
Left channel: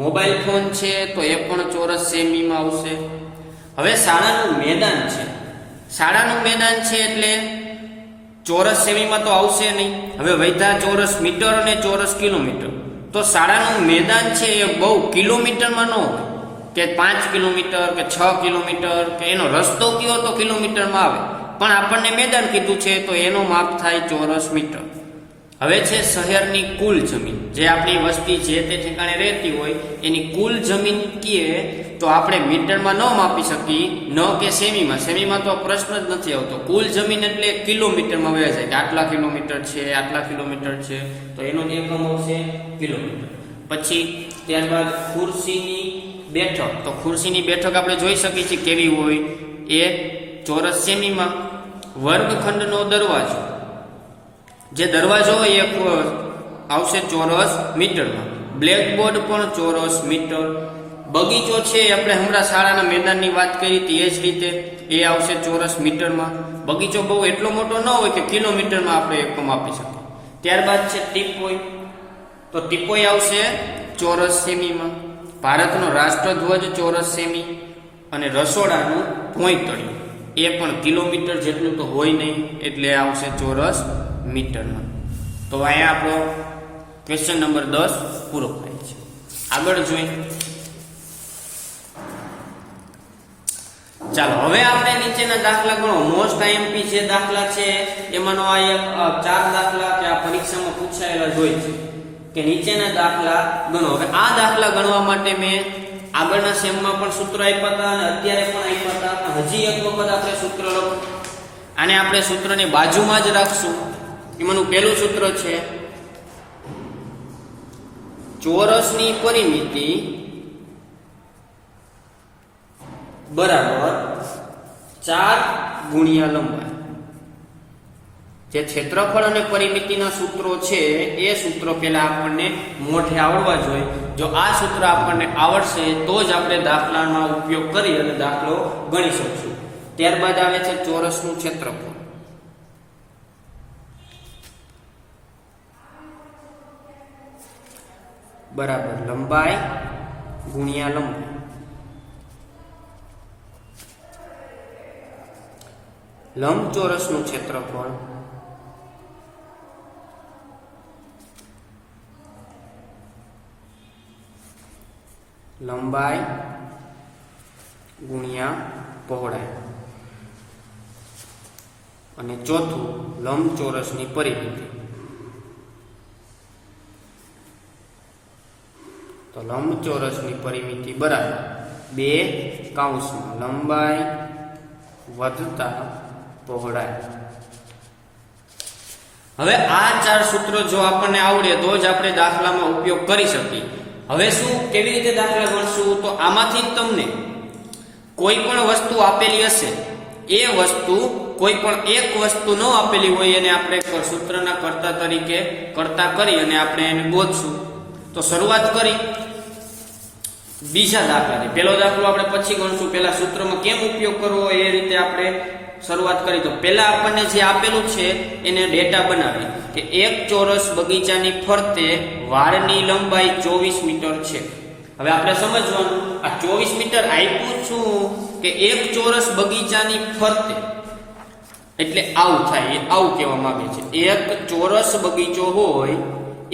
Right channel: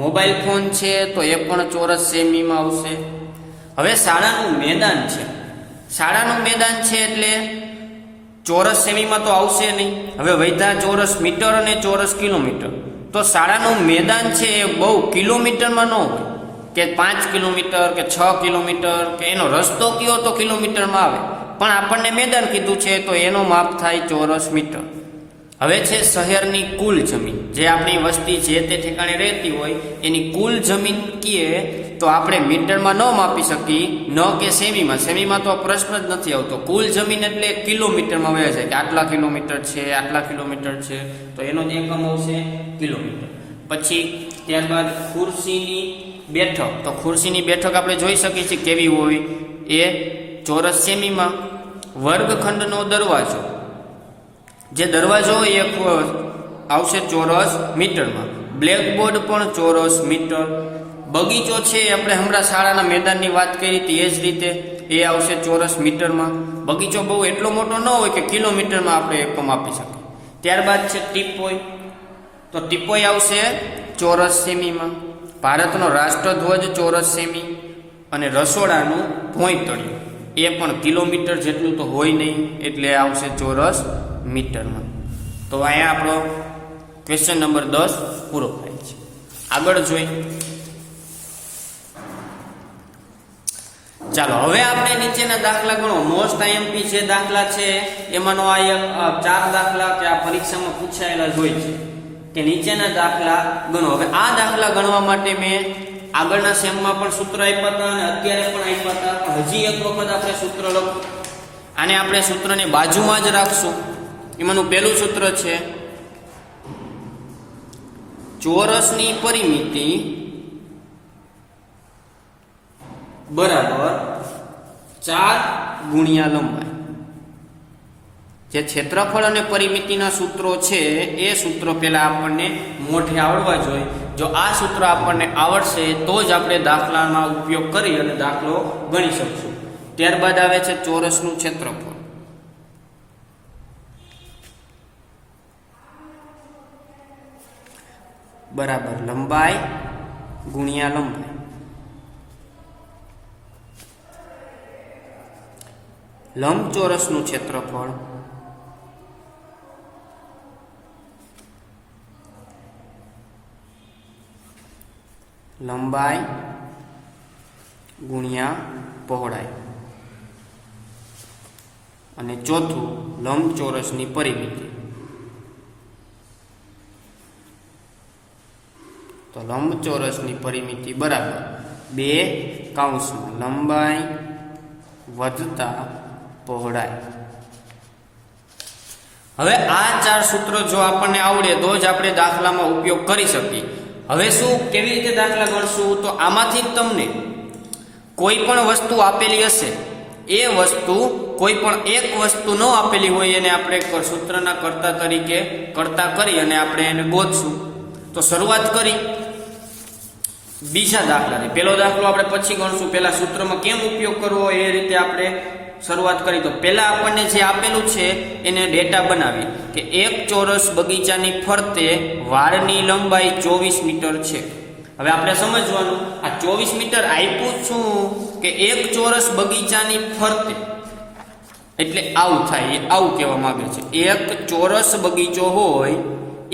મોબાઈલ ફોન છે તો એ પણ ચોરસ સેમીમાં આવશે. હવે શાળાનું મેદાન છે. શાળાનું મેદાન છે એટલે ચોરસ સેમીમાં તો આવશે નહીં. હવે વૈધા ચોરસ મીટર અને ચોરસ કિલોમીટર. તો શાળાનું મેદાન છે એ બહુ કિલોમીટરમાં ન હોય, કે 5 કિલોમીટર કે 6 કિલોમીટર, કે એનો રસ્તો કયો તો કિલોમીટરમાં આવે, પણ આપણને મેદાન કીધું છે તો એનો માપ થાય ચોરસ મીટર. હવે છે શહેરની કુલ જમીન. જે આપણી વસ્તી જે તે ઠેકાણે રહેતી હોય એની કુલ જમીન કીએ તો આપણે મીટરમાં ન માપી શકીએ, ન કે સેમીમાં. સેમીમાં તો પ્રશ્ન જ નથી આવતો. કુલ જમીન એટલે કિલોમીટરમાં વહે છે કે આટલા કિલોમીટર છે, આટલા કિલોમીટર છે, તો એનો જ એકમ આવશે કિલોમીટર. પછી ત્યારબાદ ખુરશીની બેઠક, તો ખુરશીની બેઠક આપણે જોઈ શકીએ છીએ કેવી હોય, એ ચોરસ સેમીમાં. વર્ગખંડનો દરવાજો, જે દરવાજો હોય એ આવશે ચોરસ મીટરમાં. બ્લેકબોર્ડ પણ ચોરસ મીટર. બગીચો છે, આપણે હમણાં શાળાના મેદાનની વાત કરી હતી એ જ રીતે એ આવશે ચોરસ મીટરમાં. બગીચો બહુ એટલો મોટો ન હોય કે કિલોમીટરમાં આપણે એકમ આપી શકીએ. ત્યારબાદ છે ટીપોઈ, તો ટીપોઈ આવશે ચોરસ સેમીમાં. ભારતનો રાષ્ટ્રધ્વજ ચોરસ સેમી. અને રસોડાનું ભોંયતળિયું એ પણ કિલોમીટર જેટલું તો હોય નહીં, એટલે આવશે ચોરસ મીટરમાં. તો અહીંયા આપણો ક્વેશ્ચન નંબર 10 પૂરો થાય છે. આગળ જોઈએ. ચાલો હવે આપણે નીચેના દાખલા ગણો. મોસ્ટ આઈએમપી જે દાખલા છે એમાંનો આ 4 દાખલા કે આ પરીક્ષામાં પૂછાયેલા જ હોય છે કે નીચેના દાખલા ગણો. હવે આ દાખલા ગણવા માટે મેં આગળના સેમમાં પણ સૂત્ર આપ્યા હતા અને અત્યારે પણ આપ્યા હતા. હજી એક વખત આપણે સૂત્ર લખો. આને આપણે સૂત્રની બાજુમાં જ રાખશું. એમાંનું પહેલું સૂત્ર છે ચોરસની પરિમિતિ બરાબર 4 ગુણ્યા લંબાઈ. જે ક્ષેત્રફળ અને પરિમિતિના સૂત્રો છે એ સૂત્ર પહેલા આપણને મોઢે આવડવા જોઈએ. જો આ સૂત્ર આપણને આવડશે તો જ આપણે દાખલામાં ઉપયોગ કરી અને દાખલો ગણી શકશું. ત્યારબાદ આવે છે ચોરસનું ક્ષેત્રફળ બરાબર લંબાઈ ગુણ્યા લંબાઈ. લંબચોરસનું ક્ષેત્રફળ લંબાઈ ગુણ્યા પહોળાઈ. અને ચોથું લંબચોરસની પરિમિતિ. તો લંબચોરસની પરિમિતિ બરાબર 2 કૌંસમાં લંબાઈ વધતા પહોળાઈ. હવે આ 4 સૂત્રો જો આપણને આવડે તો જ આપણે દાખલામાં ઉપયોગ કરી શકીએ. હવે શું કેવી રીતે દાખલા ગણશું? તો આમાંથી તમને કોઈ પણ વસ્તુ આપેલી હશે, એ વસ્તુ કોઈ પણ એક વસ્તુ ન આપેલી હોય એને આપણે સૂત્રના કર્તા તરીકે કર્તા કરી અને આપણે એને ગોતશું. તો શરૂઆત કરી બીજા દાખલાથી. પહેલો દાખલો આપણે પછી ગણશું. પહેલા સૂત્રમાં કેમ ઉપયોગ કરવો એ રીતે આપણે શરૂઆત કરી. તો પહેલા આપણને જે આપેલું છે એને ડેટા બનાવી કે એક ચોરસ બગીચાની ફરતે વાળની લંબાઈ 24 મીટર છે. હવે આપણે સમજવાનું આ 24 મીટર આપ્યું શું કે એક ચોરસ બગીચાની ફરતે, એટલે આવું થાય, એ આવું કહેવા માંગે છે. એક ચોરસ બગીચો હોય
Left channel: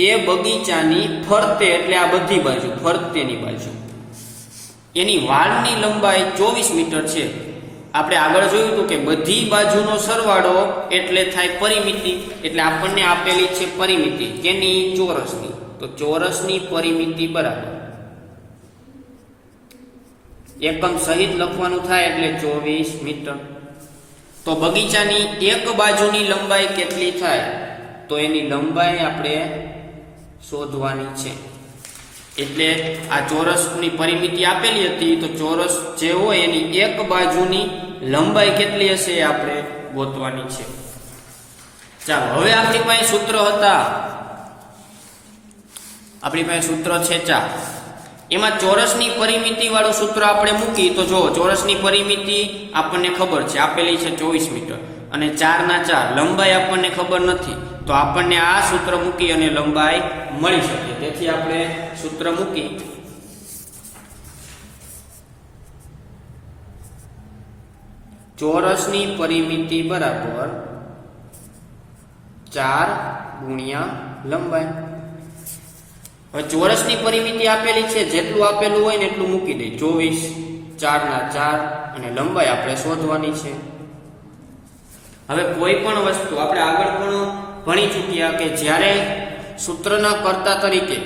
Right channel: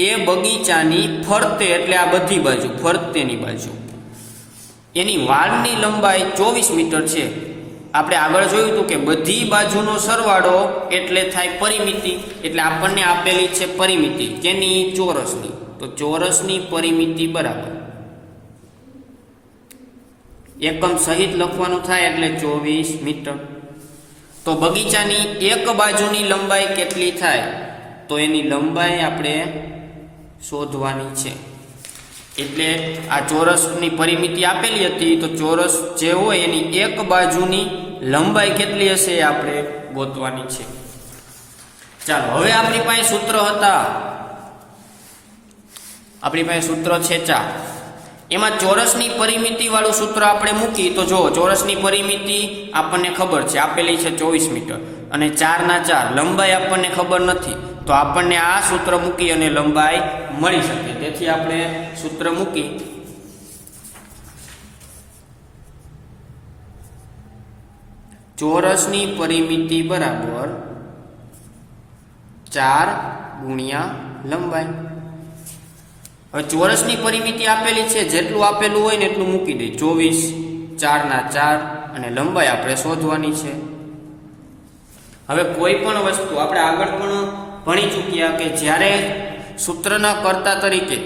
એ બગીચાની ફરતે, એટલે આ બધી બાજુ ફરતેની બાજુ, એની વાળની લંબાઈ 24 મીટર છે. આપણે આગળ જોયું હતું કે બધી બાજુનો સરવાળો એટલે થાય પરિમિતિ. એટલે આપણને આપેલી છે પરિમિતિ કેની? ચોરસની. તો ચોરસની પરિમિતિ બરાબર એકમ સહિત લખવાનું થાય એટલે 24 મીટર. તો બગીચાની એક બાજુની લંબાઈ કેટલી થાય? તો એની લંબાઈ આપણે શોધવાની છે. એટલે આ ચોરસની પરિમિતિ આપેલી હતી, તો ચોરસ જે હોય એની એક બાજુની લંબાઈ કેટલી હશે એ આપણે ગોતવાની છે. ચાલો હવે આપણી પાસે સૂત્ર હતા, આપણી પાસે સૂત્ર છે 4. એમાં ચોરસની પરિમિતિ વાળું સૂત્ર આપણે મૂકી તો જો ચોરસની પરિમિતિ આપણને ખબર છે, આપેલી છે 24 મીટર અને 4 લંબાઈ આપણને ખબર નથી. તો આપણને આ સૂત્ર મૂકી અને લંબાઈ મળી શકે. તેથી આપણે સૂત્ર મૂકી ચોરસની પરિમિતિ બરાબર 4 ગુણ્યા લંબાઈ. હવે ચોરસની પરિમિતિ આપેલી છે, જેટલું આપેલું હોય ને એટલું મૂકી દઈ. 24 4 અને લંબાઈ આપણે શોધવાની છે. હવે કોઈ પણ વસ્તુ આપણે આગળ પણ ભણી ચૂક્યા કે જ્યારે સૂત્રના કર્તા તરીકે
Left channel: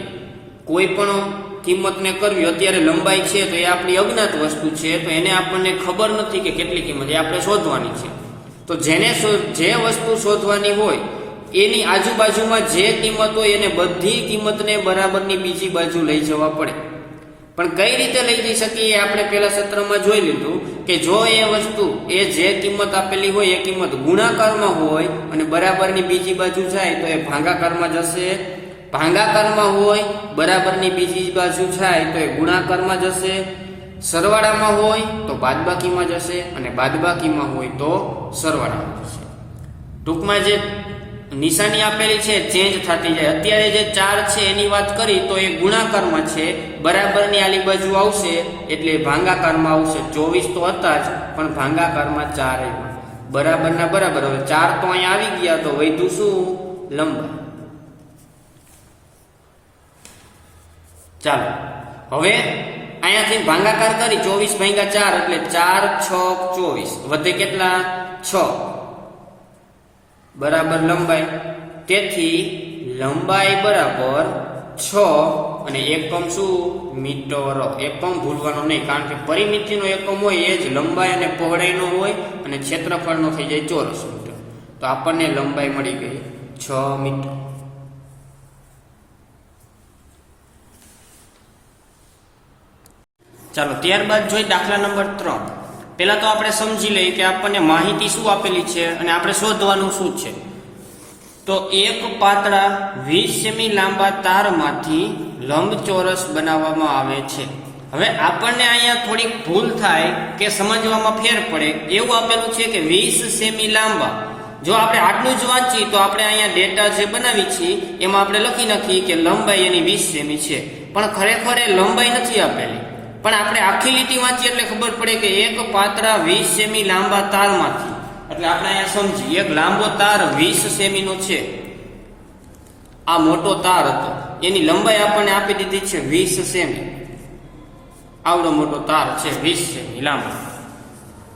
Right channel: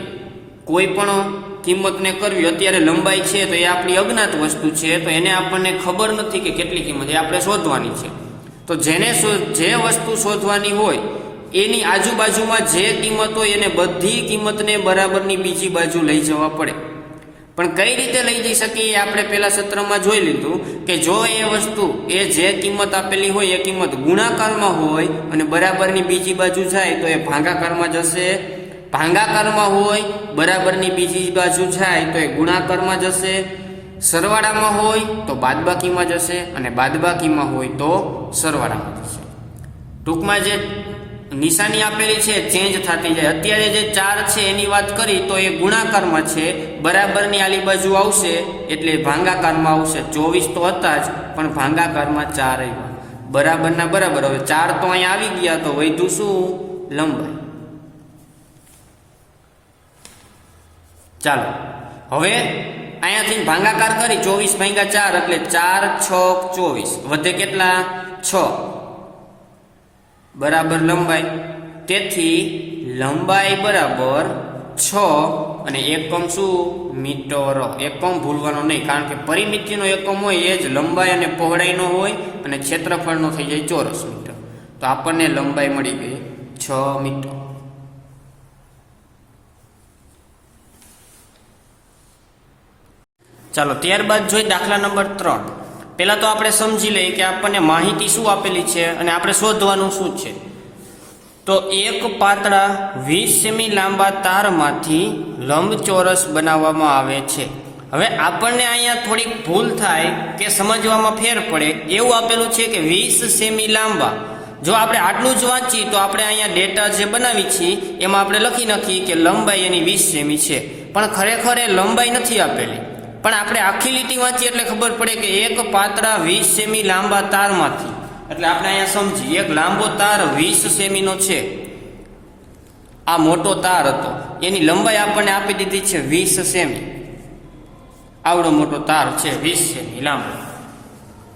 કોઈ પણ કિંમતને કરવી, અત્યારે લંબાઈ છે તો એ આપણી અજ્ઞાત વસ્તુ છે, તો એને આપણને ખબર નથી કે કેટલી કિંમત, એ આપણે શોધવાની છે. તો જે વસ્તુ શોધવાની હોય એની આજુબાજુમાં જે કિંમત હોય એને બધી કિંમતને બરાબરની બીજી બાજુ લઈ જવા પડે. પણ કઈ રીતે લઈ જઈ શકીએ આપણે પેલા સત્રમાં જોઈ લીધું કે જો એ વસ્તુ એ જે કિંમત આપેલી હોય એ કિંમત ગુણાકારમાં હોય અને બરાબરની બીજી બાજુ જાય તો એ ભાગાકારમાં જશે, ભાગાકારમાં હોય બરાબરની બીજી બાજુ જાય તો એ ગુણાકારમાં જશે, સરવાળામાં હોય તો બાદબાકીમાં જશે અને બાદબાકીમાં હોય તો સરવાળામાં જશે. ટૂંકમાં જે નિશાની આપેલી છે ચેન્જ થતી જાય. અત્યારે જે 4 છે એની વાત કરી તો એ ગુણાકારમાં છે, બરાબરની આલી બાજુ આવશે એટલે ભાગાકારમાં આવશે. 24 તો હતા જ પણ ભાગાકારમાં 4 આવ્યું, બરાબરના બરાબર. હવે 4 તો અહીંયા આવી ગયા તો વધ્યું શું? લંબાઈ. ચાલો હવે અહીંયાથી ભાગાકાર કરી 24 ભાગ્યા 4 એટલે 4 6 24 વધે કેટલા? 6 બરાબર લંબાઈ. તેથી લંબાઈ બરાબર 6 અને એકમ શું? મીટર. એકમ ભૂલવાનો નહીં, કારણ કે પરિમિતિનો એકમ હોય એ જ લંબાઈ અને પહોળાઈનો હોય અને ક્ષેત્રફળનો થઈ જાય ચોરસ મીટર. તો આપણને લંબાઈ મળી ગઈ 6 મીટર. ચાલો ત્યારબાદ જોઈએ દાખલા નંબર 3. પહેલા તો આપણે સમજી લઈએ કે આપણને માહિતી શું આપેલી છે અને આપણે શોધવાનું શું છે. તો એક પાતળા 20 સેમી લાંબા તારમાંથી લંબચોરસ બનાવવામાં આવે છે. હવે આપણને અહીંયા થોડીક ભૂલ થાય કે સમજવામાં ફેર પડે એવું આપેલું છે કે 20 સેમી લાંબા. જો આપણે આટલું જ વાંચીએ તો આપણે અહીંયા ડેટા જે બનાવી છીએ એમાં આપણે લખી નાખીએ કે લંબાઈ એની 20 સેમી છે, પણ ખરેખર એ લંબાઈ નથી આપેલી. પણ આપણે આખી લીટી વાંચીએ એટલે ખબર પડે કે એક પાતળા 20 સેમી લાંબા તારમાંથી, એટલે આપણે અહીંયા સમજી એક લાંબો તાર 20 સેમીનો છે. આ મોટો તાર હતો એની લંબાઈ આપણને આપી દીધી છે 20 સેમી. આવડો મોટો તાર છે 20 સેમી લાંબો.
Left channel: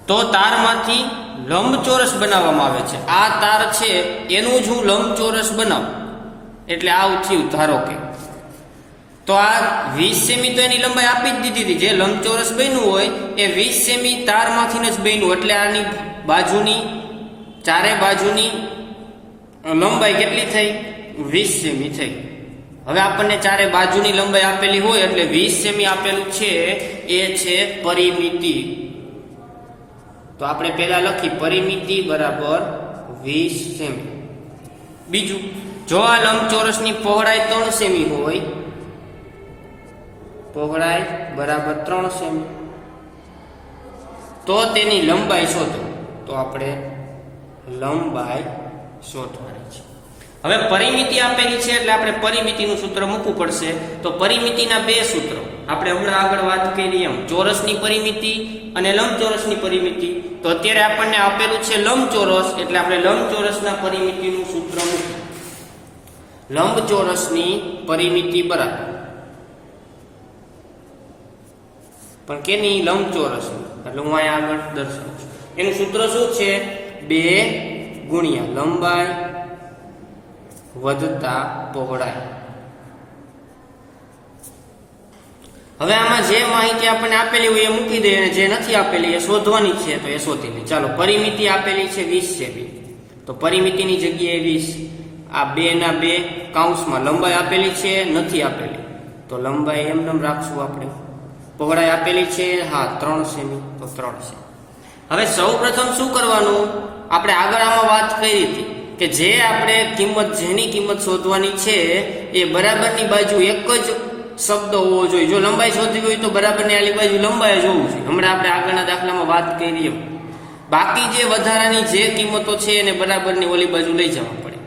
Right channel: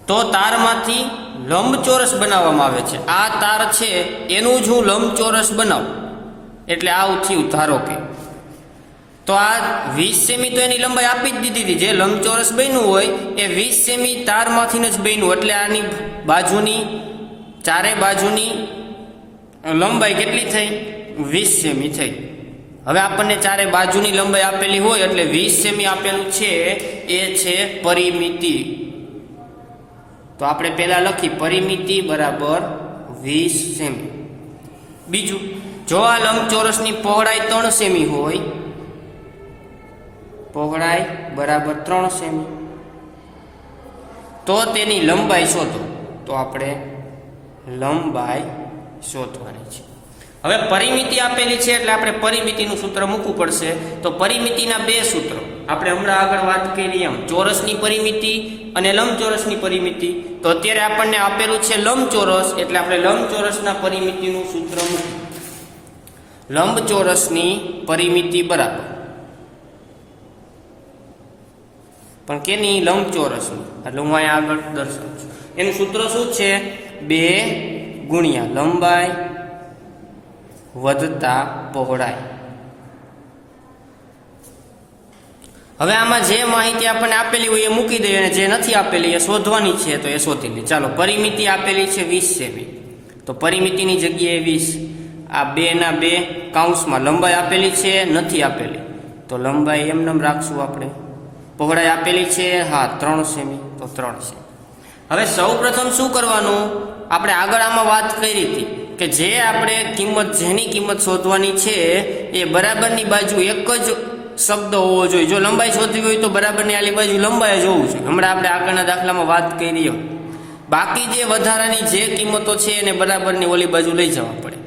તો તારમાંથી લંબચોરસ બનાવવામાં આવે છે. આ તાર છે એનું જ હું લંબચોરસ બનાવું એટલે આવું થયું. ધારો કે તો આ 20 સેમી તો એની લંબાઈ આપી જ દીધી હતી. જે લંબચોરસ બન્યું હોય એ 20 સેમી તારમાંથી જ બન્યું, એટલે આની બાજુની ચારે બાજુની લંબાઈ કેટલી થઈ? 20 સેમી થઈ. હવે આપણને ચારે બાજુની લંબાઈ આપેલી હોય એટલે 20 સેમી આપેલું છે એ છે પરિમિતિ. તો આપણે પહેલા લખી પરિમિતિ બરાબર 20 સેમી. બીજું, જો આ લંબચોરસની પહોળાઈ 3 સેમી હોય, પહોળાઈ બરાબર 3 સેમી, તો તેની લંબાઈ શોધો. તો આપણે લંબાઈ શોધવાની છે. હવે પરિમિતિ આપેલી છે એટલે આપણે પરિમિતિનું સૂત્ર મૂકવું પડશે. તો પરિમિતિના બે સૂત્રો આપણે હમણાં આગળ વાત કરી એમ, ચોરસની પરિમિતિ અને લંબચોરસની પરિમિતિ. તો અત્યારે આપણને આપેલું છે લંબચોરસ એટલે આપણે લંબચોરસના પરિમિતિનું સૂત્ર મૂકવું. લંબચોરસની પરિમિતિ બરાબર, પણ કેની? લંબચોરસની. એટલે હું અહીંયા આગળ દર્શાવું છું. એનું સૂત્ર શું છે? 2 ગુણ્યા લંબાઈ વધતા પહોળાઈ. હવે આમાં જે માહિતી આપણને આપેલી હોય એ મૂકી દઈએ અને જે નથી આપેલી એ શોધવાની છે તો એ શોધી લે. ચાલો પરિમિતિ આપેલી છે 20 સેમી, તો પરિમિતિની જગ્યાએ 20. આ 2 ના 2 કૌંસમાં લંબાઈ આપેલી છે, નથી આપેલી તો લંબાઈ એમને રાખશું આપણે. પહોળાઈ આપેલી છે 3 સેમી, તો 3 સેમી. હવે સૌ પ્રથમ શું કરવાનું? આપણે આગળ આમાં વાત કરી હતી કે જે આપણે જેની કિંમત શોધવાની છે એ બરાબરની બાજુ એક જ શબ્દ હોવો જોઈએ. જો લંબાઈ શોધવી હોય તો બરાબરની આલી બાજુ લંબાઈ જ હોવું છે. હમણાં આપણે આગળના દાખલામાં વાત કરી. બાકી જે વધારાની જે કિંમતો છે એને બરાબરની ઓલી બાજુ લઈ જવા પડે.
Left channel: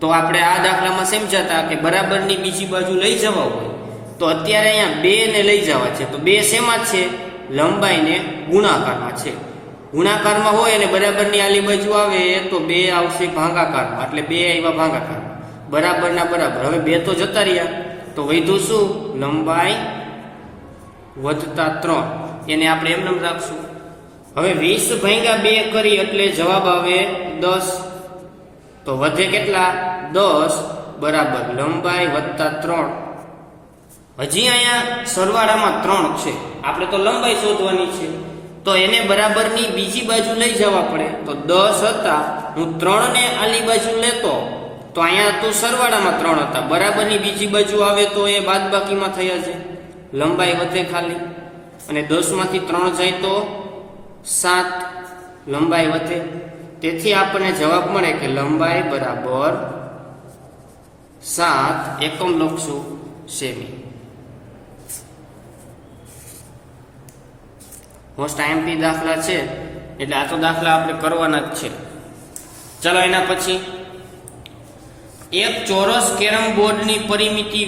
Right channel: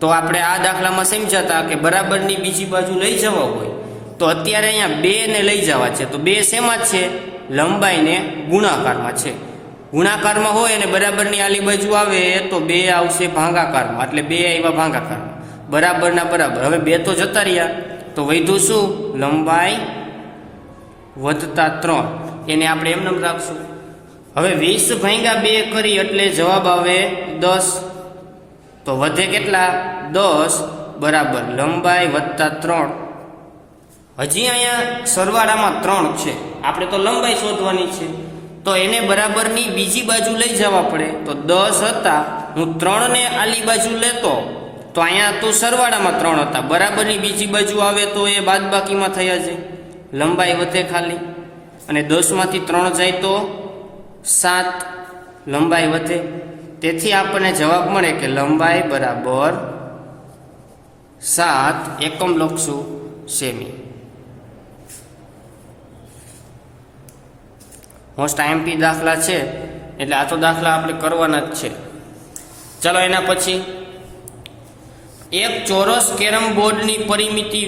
તો આપણે આ દાખલામાં સમજાતા કે બરાબરની બીજી બાજુ લઈ જવા હોય તો અત્યારે અહીંયા 2 ને લઈ જવા છે. તો 2 શેમાં છે? લંબાઈને ગુણાકારમાં છે. ગુણાકારમાં હોય અને બરાબરની આલી બાજુ આવે તો 2 આવશે ભાગાકારમાં, એટલે 2 આવ્યા ભાગાકારમાં. બરાબરના બરાબર. હવે 2 તો જતા રહ્યા તો વધ્યું શું? લંબાઈ વધતા 3. એને આપણે એમ રાખશું. હવે 20 ભાગ્યા 2 કરી એટલે જવાબ આવે 10. તો વધે કેટલા? 10 બરાબર લંબાઈ વધતા 3. હજી અહીંયા સરવાળામાં 3 છે, આપણે તો લંબાઈ શોધવાની છે તો એને બરાબરની બીજી બાજુ લઈ જવા પડે. તો 10 હતા, હું 3 ને આલી બાજુ લેતો તો અહીંયા તો સરવાળામાં 3 હતા, બરાબરની બીજી બાજુ આવે તો એ બાદબાકીમાં થયા છે. લંબાઈ વધે ખાલી, અને 10 માંથી 3 જાય તો 7, લંબાઈ વધે. તેથી આપણને જવાબ મળે કે લંબાઈ બરાબર 7 એકમ લખશું સેમી. મોસ્ટ આઈએમપી દાખલા છે એટલે આ તો દાખલા આપણે કરવાના જ છે. ચલો એના પછી એક ચોરસ કેરમ બોર્ડની પરિમિતિ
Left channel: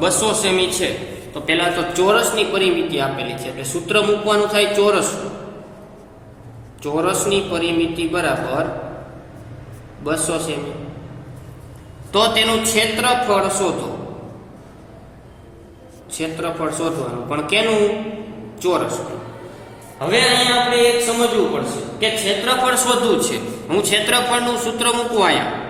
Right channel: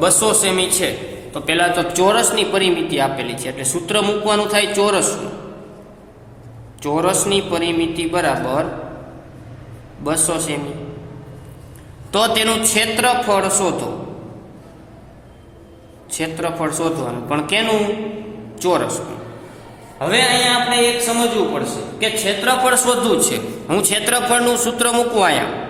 200 સેમી છે. તો પહેલા તો ચોરસની પરિમિતિ આપેલી છે એટલે સૂત્ર મૂકવાનું થાય ચોરસનું. ચોરસની પરિમિતિ બરાબર 200 સેમી. તો તેનું ક્ષેત્રફળ શોધો. ક્ષેત્રફળ શોધવાનું પણ કેનું? ચોરસનું. હવે અહીંયા આપણે એક સમજવું પડશે કે ક્ષેત્રફળ શોધવું છે. હું ક્ષેત્રફળનું સૂત્ર મૂકું અહીંયા.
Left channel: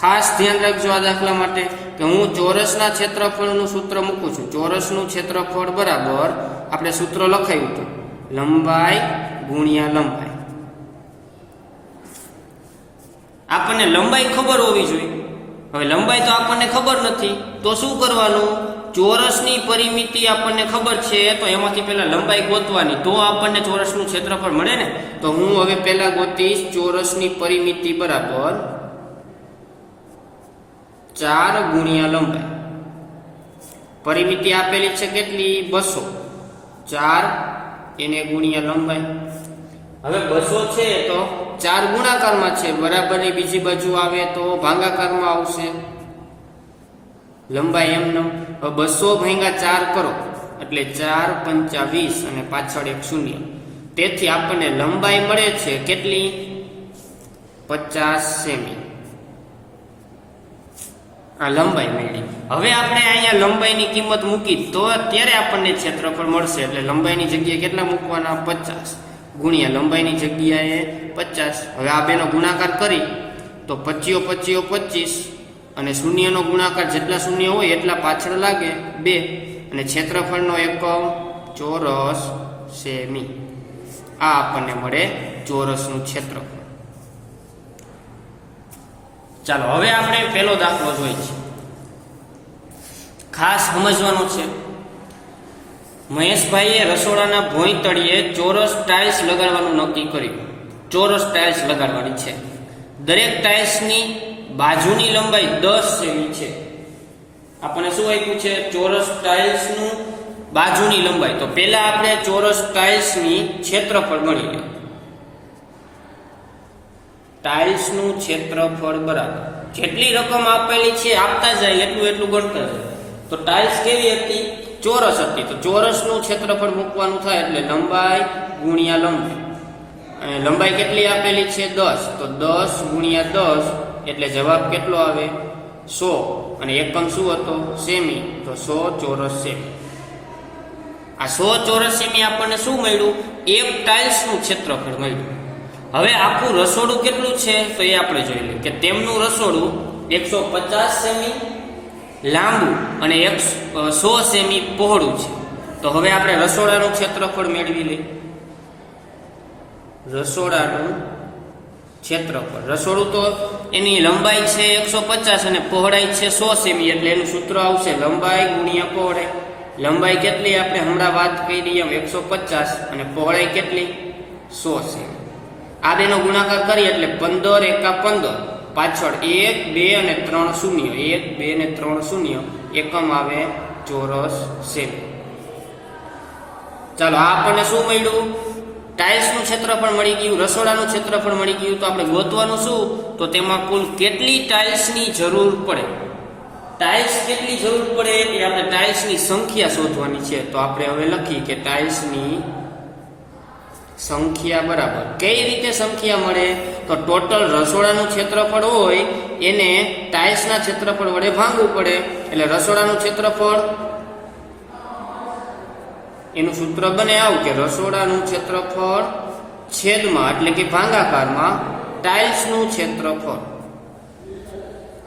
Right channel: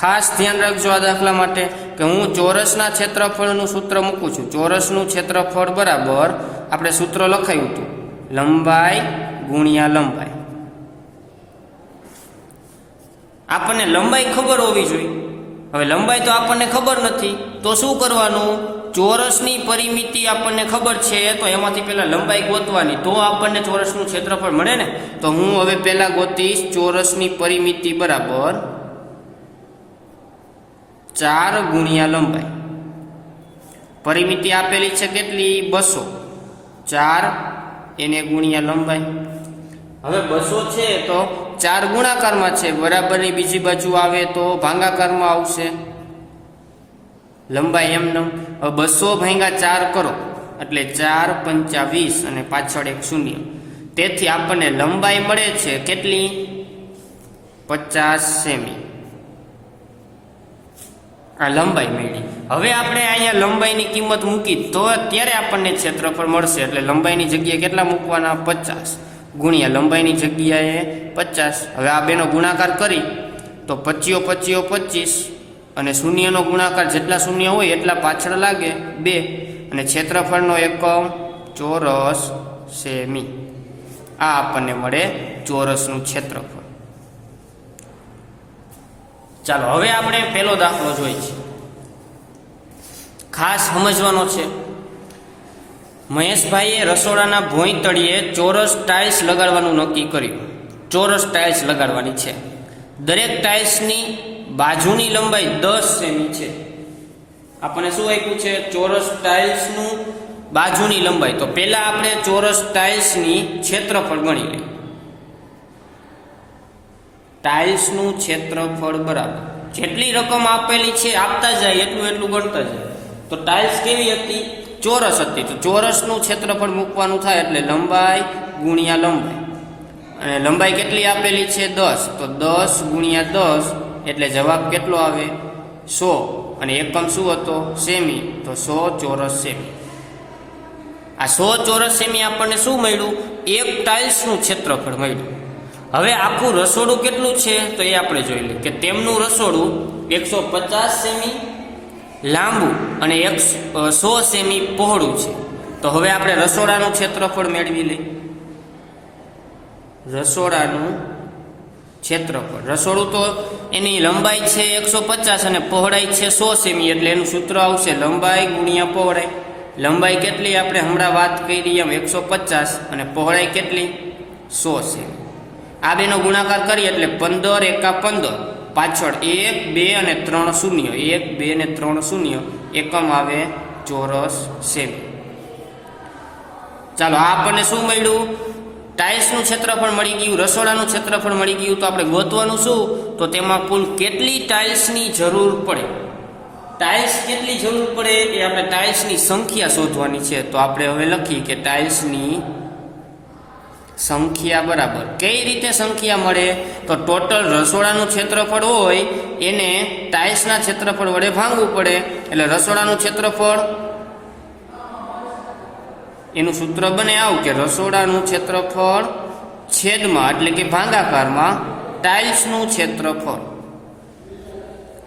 ખાસ ધ્યાન રાખજો આ દાખલા માટે કે હું ચોરસના ક્ષેત્રફળનું સૂત્ર મૂકું છું. ચોરસનું ક્ષેત્રફળ બરાબર આપણે સૂત્ર લખાયું હતું લંબાઈ ગુણ્યા લંબાઈ. આપણને લંબાઈ ખબર હોવી જોઈએ. હવે લંબાઈ તો આપણને ખબર નથી તો શું કરવાનું? ચોરસની પરિમિતિ આપણને ખબર છે તો એમાંથી પહેલા લંબાઈ ગોતવાની, તો આપણને ચોરસનું ક્ષેત્રફળ મળે ને. તો હું હવે પહેલા ગોતીશ ચોરસની પરિમિતિ બરાબર 4 ગુણ્યા લંબાઈ. પરિમિતિ આપેલી છે કેટલી? 200. 4 એને ગુણ્યા લંબાઈ. હવે 200 છે તો 4 ગુણાકારમાં છે, બરાબરની બીજી બાજુ આવે તો ભાગાકારમાં આવશે. લંબાઈ એમને 200 ભાગ્યા 4 કરો એટલે 4 પંચા 20 અને પાછળ એક શૂન્ય. તેથી આપણને લંબાઈ મળે છે કેટલી? 50 સેમી. આ લંબાઈ મળી. હવે આપણે અહીંયા લંબાઈની કિંમત મૂકી તો ત્યારે આપણને ક્ષેત્રફળ મળશે. એટલે લંબાઈની જગ્યાએ કેટલા મૂકવાના? 50 ગુણ્યા લંબાઈની જગ્યાએ 50. હવે આ બેનો ગુણાકાર કરી તો 25 25 25 અને શૂન્યનો ગુણાકાર જેટલા શૂન્ય હોય એટલા પાછળ લાગે 2 અને ક્ષેત્રફળનો એકમ ચોરસ સેમી. આ આપણને મળે ચોરસનું ક્ષેત્રફળ. ચાલો હવે આપણે પહેલો દાખલો જોઈએ છે. ખાસ સમજવાનો છે. મહેશભાઈએ રસોડાના ભોંય તળિયે ચોરસ ટાઇલ્સ લગાડવાનું નક્કી કર્યું. ચોરસ ટાઇલ્સ લગાડવાની છે. દરેક ટાઇલ્સની બાજુની લંબાઈ 10 સેમી છે. આપણને શું આપ્યું છે? ચોરસ ટાઇલ્સનું બાજુની લંબાઈ. તો પહેલા આપણે ચોરસ ટાઇલ્સની ક્ષેત્રફળ ગણી લઈએ. ટાઇલ્સનું ક્ષેત્રફળ બરાબર જેટલી રકમ આપેલી છે આપતા જાય એટલું એટલું ગણતા જાય. તો ટાઇલ્સ કેવી હતી? ચોરસ હતી. તો ચોરસનું ક્ષેત્રફળ મૂકવાનું થાય એટલે લંબાઈ ગુણ્યા લંબાઈ. અને લંબાઈ કેટલી આપેલી છે? 10. તો 10 ગુણ્યા 10 એટલે જવાબ કેટલો આવે? 100. અને એકમ શું હતો? સેમી. તો 100 ચોરસ સેમી. આ 100 ચોરસ સેમી આપણને શું મળ્યું? એક ટાઇલ્સનું ક્ષેત્રફળ મળ્યું. હવે આખું રસોડું કેટલું છે તો એ આપણે જોઈ લઈએ કે તેમનું રસોડું 150 સેમી લાંબુ અને 100 સેમી પહોળું છે. તો હવે આપણે રસોડાનું ક્ષેત્રફળ મેળવી લઈએ. રસોડાનું ક્ષેત્રફળ. રસોડું તો એની લંબાઈ છે 150 અને પહોળાઈ છે 100 સેમી એટલે એનું સૂત્ર આવશે લંબાઈ ગુણ્યા પહોળાઈ. લંબાઈ કેટલી આપણે હમણાં વાત કરી એમ 150 અને પહોળાઈ કેટલી? 100 સેમી. આ બેનો ગુણાકાર કરીએ એટલે 15 એકા 15 પાછળ 1 2 અને 3 શૂન્ય. 1 2 અને 3 શૂન્ય. એકમ આવે ચોરસ સેમી. ચાલો આ આપણને શું મળ્યું? ટાઇલ્સનું ક્ષેત્રફળ મળી ગયું, રસોડાનું ક્ષેત્રફળ મળી ગયું. તો આપણે ગોતવાનું શું? તો તેમાં કુલ કેટલી ટાઇલ્સની જરૂર પડે? ટાઇલ્સ કેટલી જરૂર પડે એ આપણે ટાઇલ્સની સંખ્યા શોધવાની છે. તો આપણે હવે લખીએ કે ટાઇલ્સની સંખ્યા બરાબર કઈ રીતે સંખ્યા મળે? તો ટોટલ રસોડાનું ક્ષેત્રફળ હોય એને ટાઇલ્સના ક્ષેત્રફળ વડે ભાંગવું પડે. એટલે રસોડાનું ક્ષેત્રફળ એનું સૂત્ર બને આવું કે રસોડાનું ક્ષેત્રફળ છેદમાં એટલે કે ભાગાકારમાં ટાઇલ્સનું ક્ષેત્રફળ.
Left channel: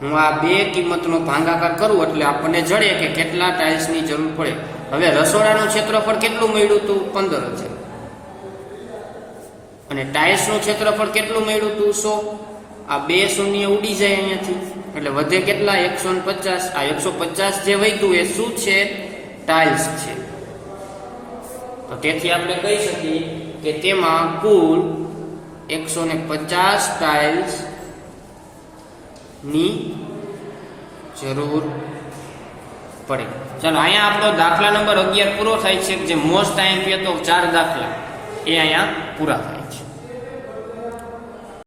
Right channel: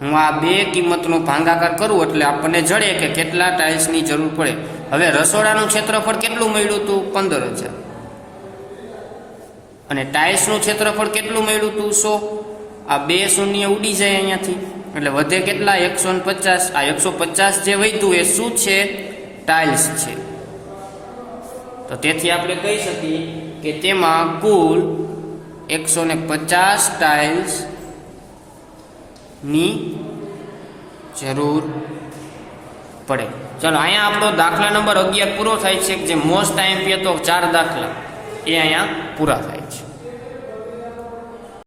હું આ બે કિંમતનો ભાગાકાર કરું એટલે આપણને જડે કે કેટલા ટાઇલ્સની જરૂર પડે. હવે રસોડાનું ક્ષેત્રફળ કેટલું મળ્યું હતું? 15,000. અને ટાઇલ્સનું ક્ષેત્રફળ કેટલું મળ્યું હતું? 100. આ બે શૂન્ય ઉડી જાય અહીંયાથી એટલે વધે કેટલા? 150. આ 150 જે વધ્યું એ શું છે? ટાઇલ્સ છે. તો તેથી આપણે કહી શકીએ કે તેમાં કુલ 150 ટાઇલ્સ ની જરૂર પડે. ચાલો અહીંયા આપણો દાખલા નંબર 11 પૂરો થાય છે. જે મોસ્ટ આઈએમપી હતો 4 દાખલા એ અહીંયા પૂરા થાય છે.